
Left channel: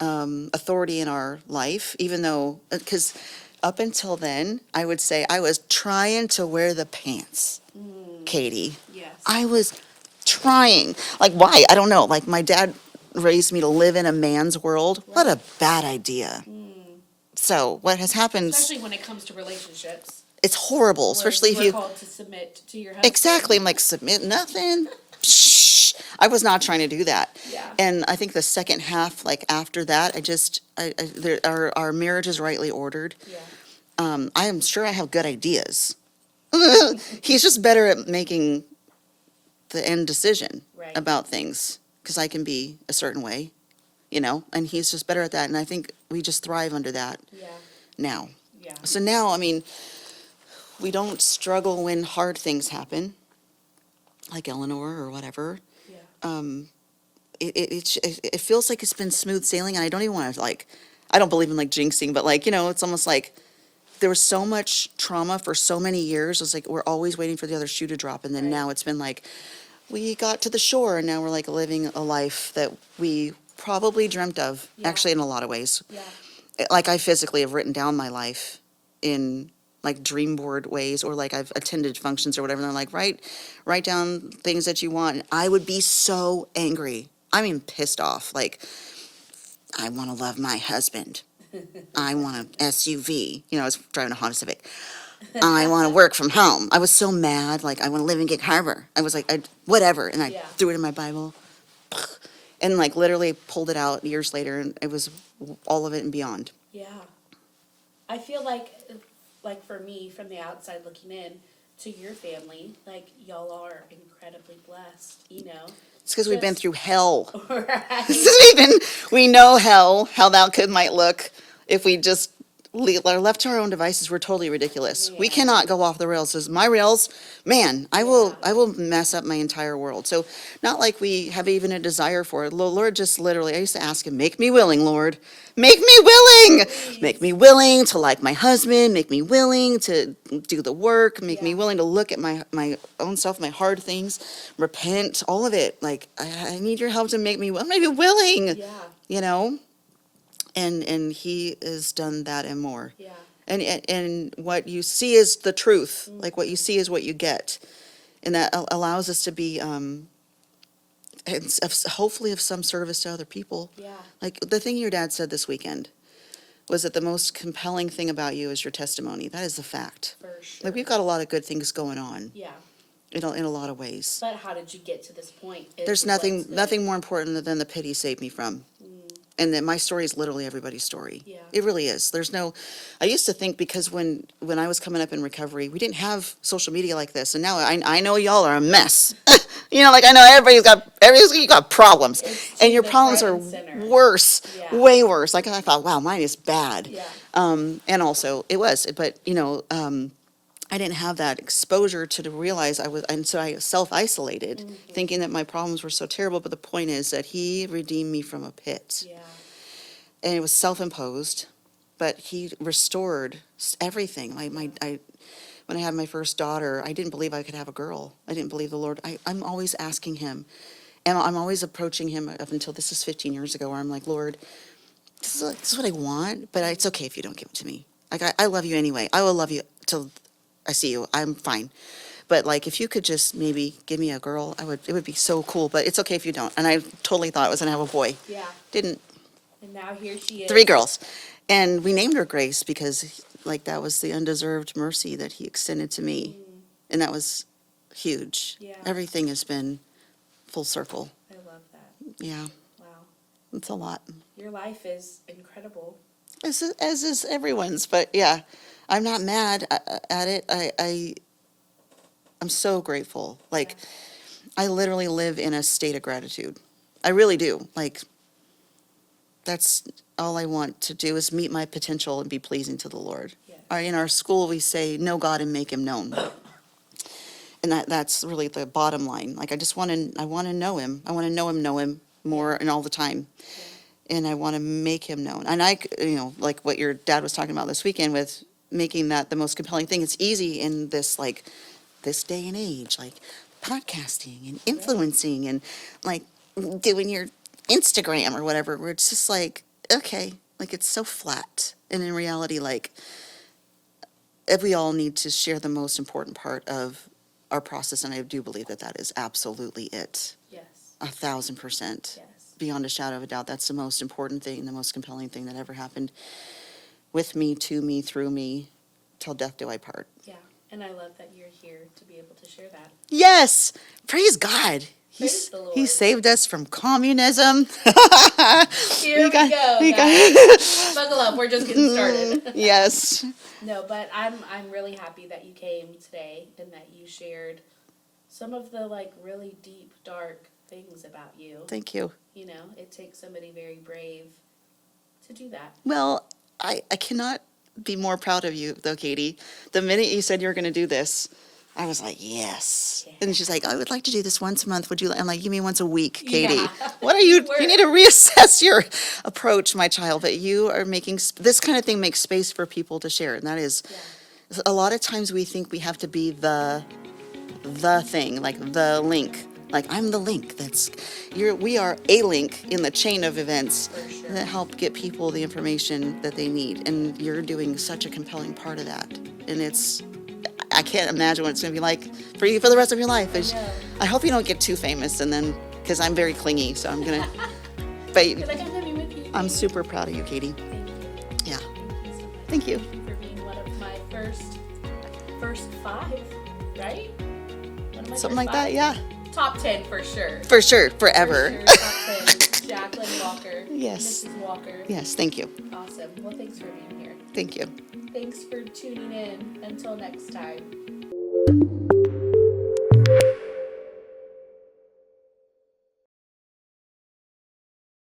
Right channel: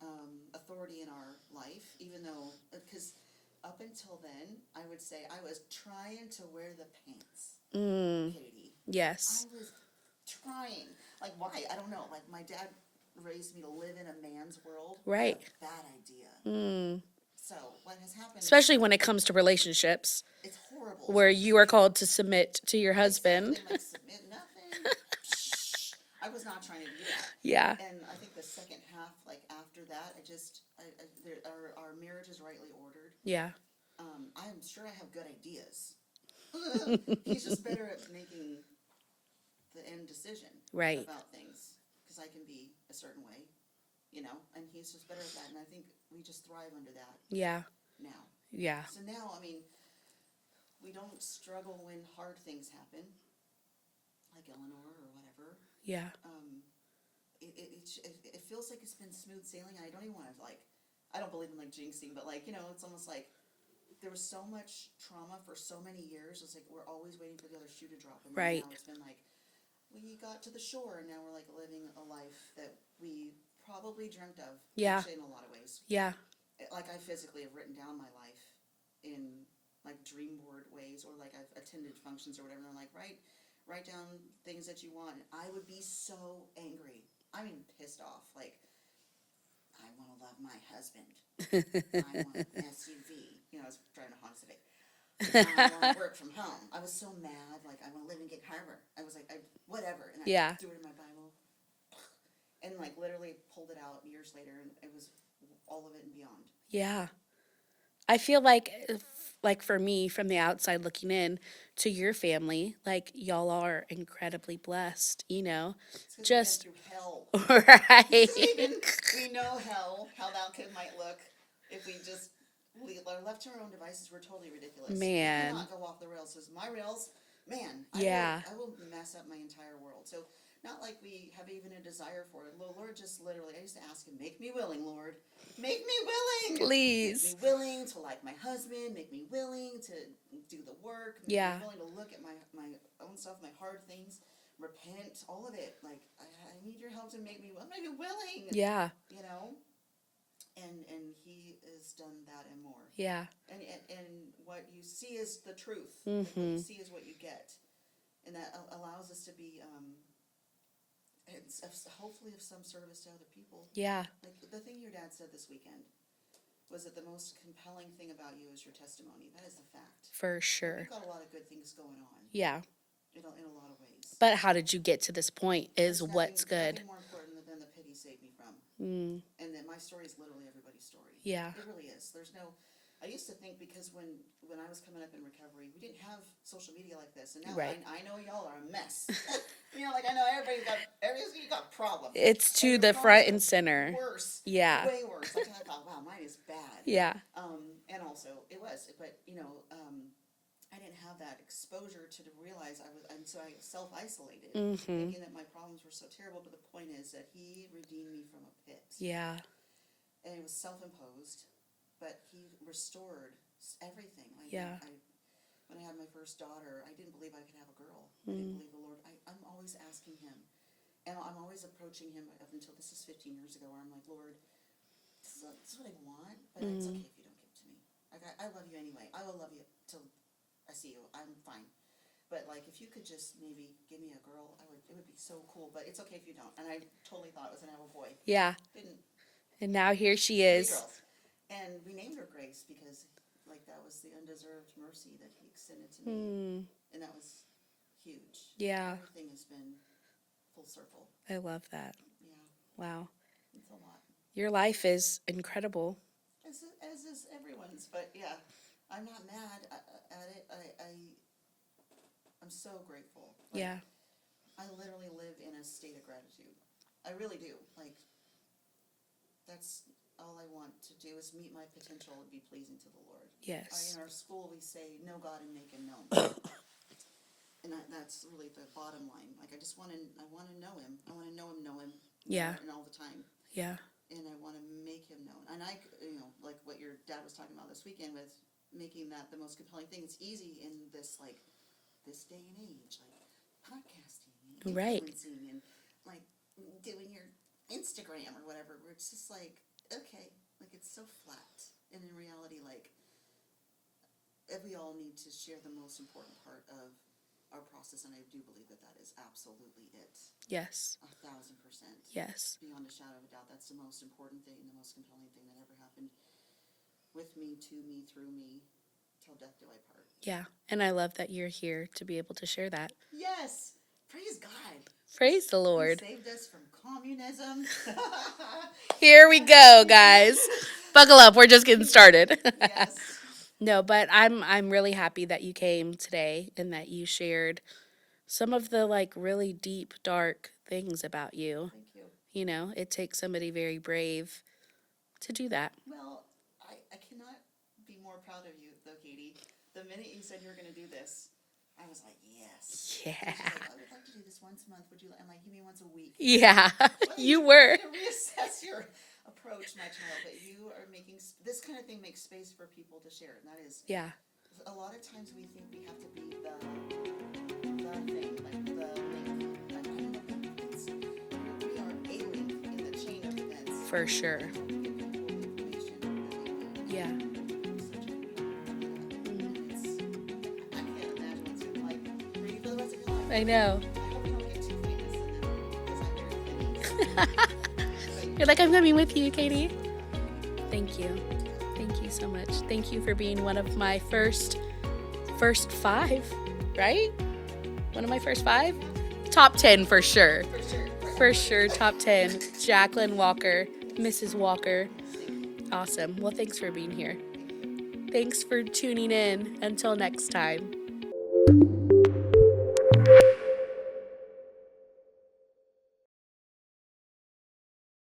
authority in our life, even though, because up until then, I would say I was trying to wear the pants, Katie. Yes. I was trying. Like, why? I don't know. Like, my dad raised me to live in a man's world. What a bad idea. So what has happened, Especially when it comes to relationships, it's horrible, where especially you if are you called to submit to your husband. exactly. I'm like, submit nothing. Shh. I was not trying to do that. Yeah. And I think the second half, like after that, our marriage is rightly ordered. Yeah. I am sure I have good ideas. He's just better at making the end decision Right. about things, because I can be a certain way, and he's just better at that. And I think we just thrive under that Yeah. now. Yeah. So now, I mean, we don't struggle when hard things happen, like Eleanor or whatever. Yeah. It feels like it's been smooth sailing, and I don't even want to, like, I don't believe in, like, jinxing, but, like, it's almost like there was so much trauma for so many years. It's like we're always waiting for the other shoe to drop, and then Right. now it's been like we got to the shore, and now we're like living a life that we probably dreamt of. Yeah. Actually, in a lot of ways. Yeah. Like, I physically have written down my life in like dream board ways, or like I've attended functions or whatever, and they're like, write down things that you want. And I would be so angry. I mean, pissed off. Like, I want to love my husband. I want an SUV. I was driving a Honda Civic. I want to work from home. I was so mad. Like, I want to live in Gig Harbor. I was like, whatever. And I Yeah. threw it in my Bible. And like literally pulled it out years later, and it was all of it and beyond. Yeah. I feel like for me, from the outside looking in to your family, like y'all are incredibly blessed, It's because we've been Just- through hell. Right. We know hell, how that might look if we just are left to our own devices. We're totally ridiculous. We Man. cannot go off the rails. Because my rails, man, I Yeah. will mess up my entire world. So not like we have even a desire for it. Lord just literally, I used to ask him, make me willing, Lord. Make me willing. Please. Make me willing to like my husband. Make me willing to do the work. Make me Yeah. willing to look at my own self, my hard things, repent, all of it. Like, I need your help to make me willing. Yeah. And he has done that and more. Yeah. And what you see is the truth. Like, what you see is what you get. And that allows us to be, hopefully of some service to other people. Yeah. Like, the thing your dad said this weekend was that the most compelling thing about you is your testimony. That is the fact. For sure. Like, we've got a lot of good things going on Yeah. in a lot of ways. But how did you get to this point? There's what's good. nothing more important than the pit he saved me from. And that my story is literally everybody's story. Yeah. It really is. I used to think, because when I was coming up in recovery, we didn't have social media like this. And now I know y'all are a mess. Like, I know everybody's got problems. It's and to your the problems front are and center. worse. Yeah. Way worse. Like, I thought, wow, mine is bad. Yeah. And also it was, but I didn't have that exposure to realize and so I self-isolated, thinking that my problems were so terrible. But the point is that he redeemed me from a pit. Yeah. And it was self-imposed, but he restored everything. When I had my first daughter, I didn't believe I could have a girl. I didn't believe the Lord. I'm always asking him, and I'm always approaching him up until this is 15 years ago, where I'm like, Lord, this is what I want, but it's okay if you don't give it to me. Like, I love you anyway. I will love you till I see you. I'm fine. But like, if you could just maybe give me a girl, it would be so cool. But it's okay if you don't. And I totally thought I was gonna have a boy. Yeah. Didn't. And now here she is. 3 girls. And we named her Grace because, like, that was the undeserved mercy that he extended to me. And that was huge. Yeah. Everything has been full circle. I love that. Yeah. Wow. It's a lot. Your life is incredible. As is everyone's. But yeah, I'm not mad at it. I'm so grateful. Like, Yeah. I literally live in a state of gratitude. I really do. Like, that's all I want to do, is meet my potential and be pleasing to the Lord. Yes. In our school, we say, know God and make him known. And that's really the bottom line. Like, I want to know him. I want to know him more Yeah. and all the time. Yeah. And I want to make him known. And like what your dad was talking about this weekend with making that the most compelling thing. It's easy in this, like, this day and age, like podcasting and influencing and like doing your Instagram or whatever, where it's just like, okay, like it's so flat. And in reality, like, if we all need to share the most important part of our process, and I do believe that that is absolutely it. Yes. 1,000%. Yes. Beyond a shadow of a doubt, that's the most important thing, the most compelling thing that ever happened with me, to me, through me, till death do I part. Yeah. And I love that you're here to be able to share that. Yes! Praise God. Praise the Lord. He saved us from communism. Here we go, guys. Buckle up. We're just getting started. Yes. No, but I'm really happy that you came today and that you shared some of the like really deep, dark things about you. Thank you. You know, it takes somebody very brave to do that. Well, I cannot be more proud of you, though, Katie. The minute you said you were going to do this, I was like, yes. Yeah. And then she's like, I would like to do this once a month. Would you? I'm like, you mean once a week, Katie? Yeah. What are you? You were. You need to reassess your approach, my child. But you are making this kind of thing makes space for people to share, and that is, Yeah. a lot of times we think we have to be the thing, like the link. Like, I'm the link. We are a link in the chain of events For sure. that help get people the information that they need. And you're doing such a compelling part of that. And I can't imagine what it's going to be like for you for the rest of your life. I know. I hope you don't get too famous, and then, because I'm very clingy, so I'm going to, but You're like, I'm coming with you, Katie. I'm super proud of you, Katie. Thank you. Yeah. Thank you so much. Thank you. Thank you for being one of my first 5, right? One of my Something first like 5? that, yeah. Top 10 for sure. For sure, forever. For sure, top 10. Jaclyn Walker. Yes. Mrs. Walker. Yes, thank you. Awesome. Well, thanks for being here. Thank you. Thanks for tuning in. Until next time.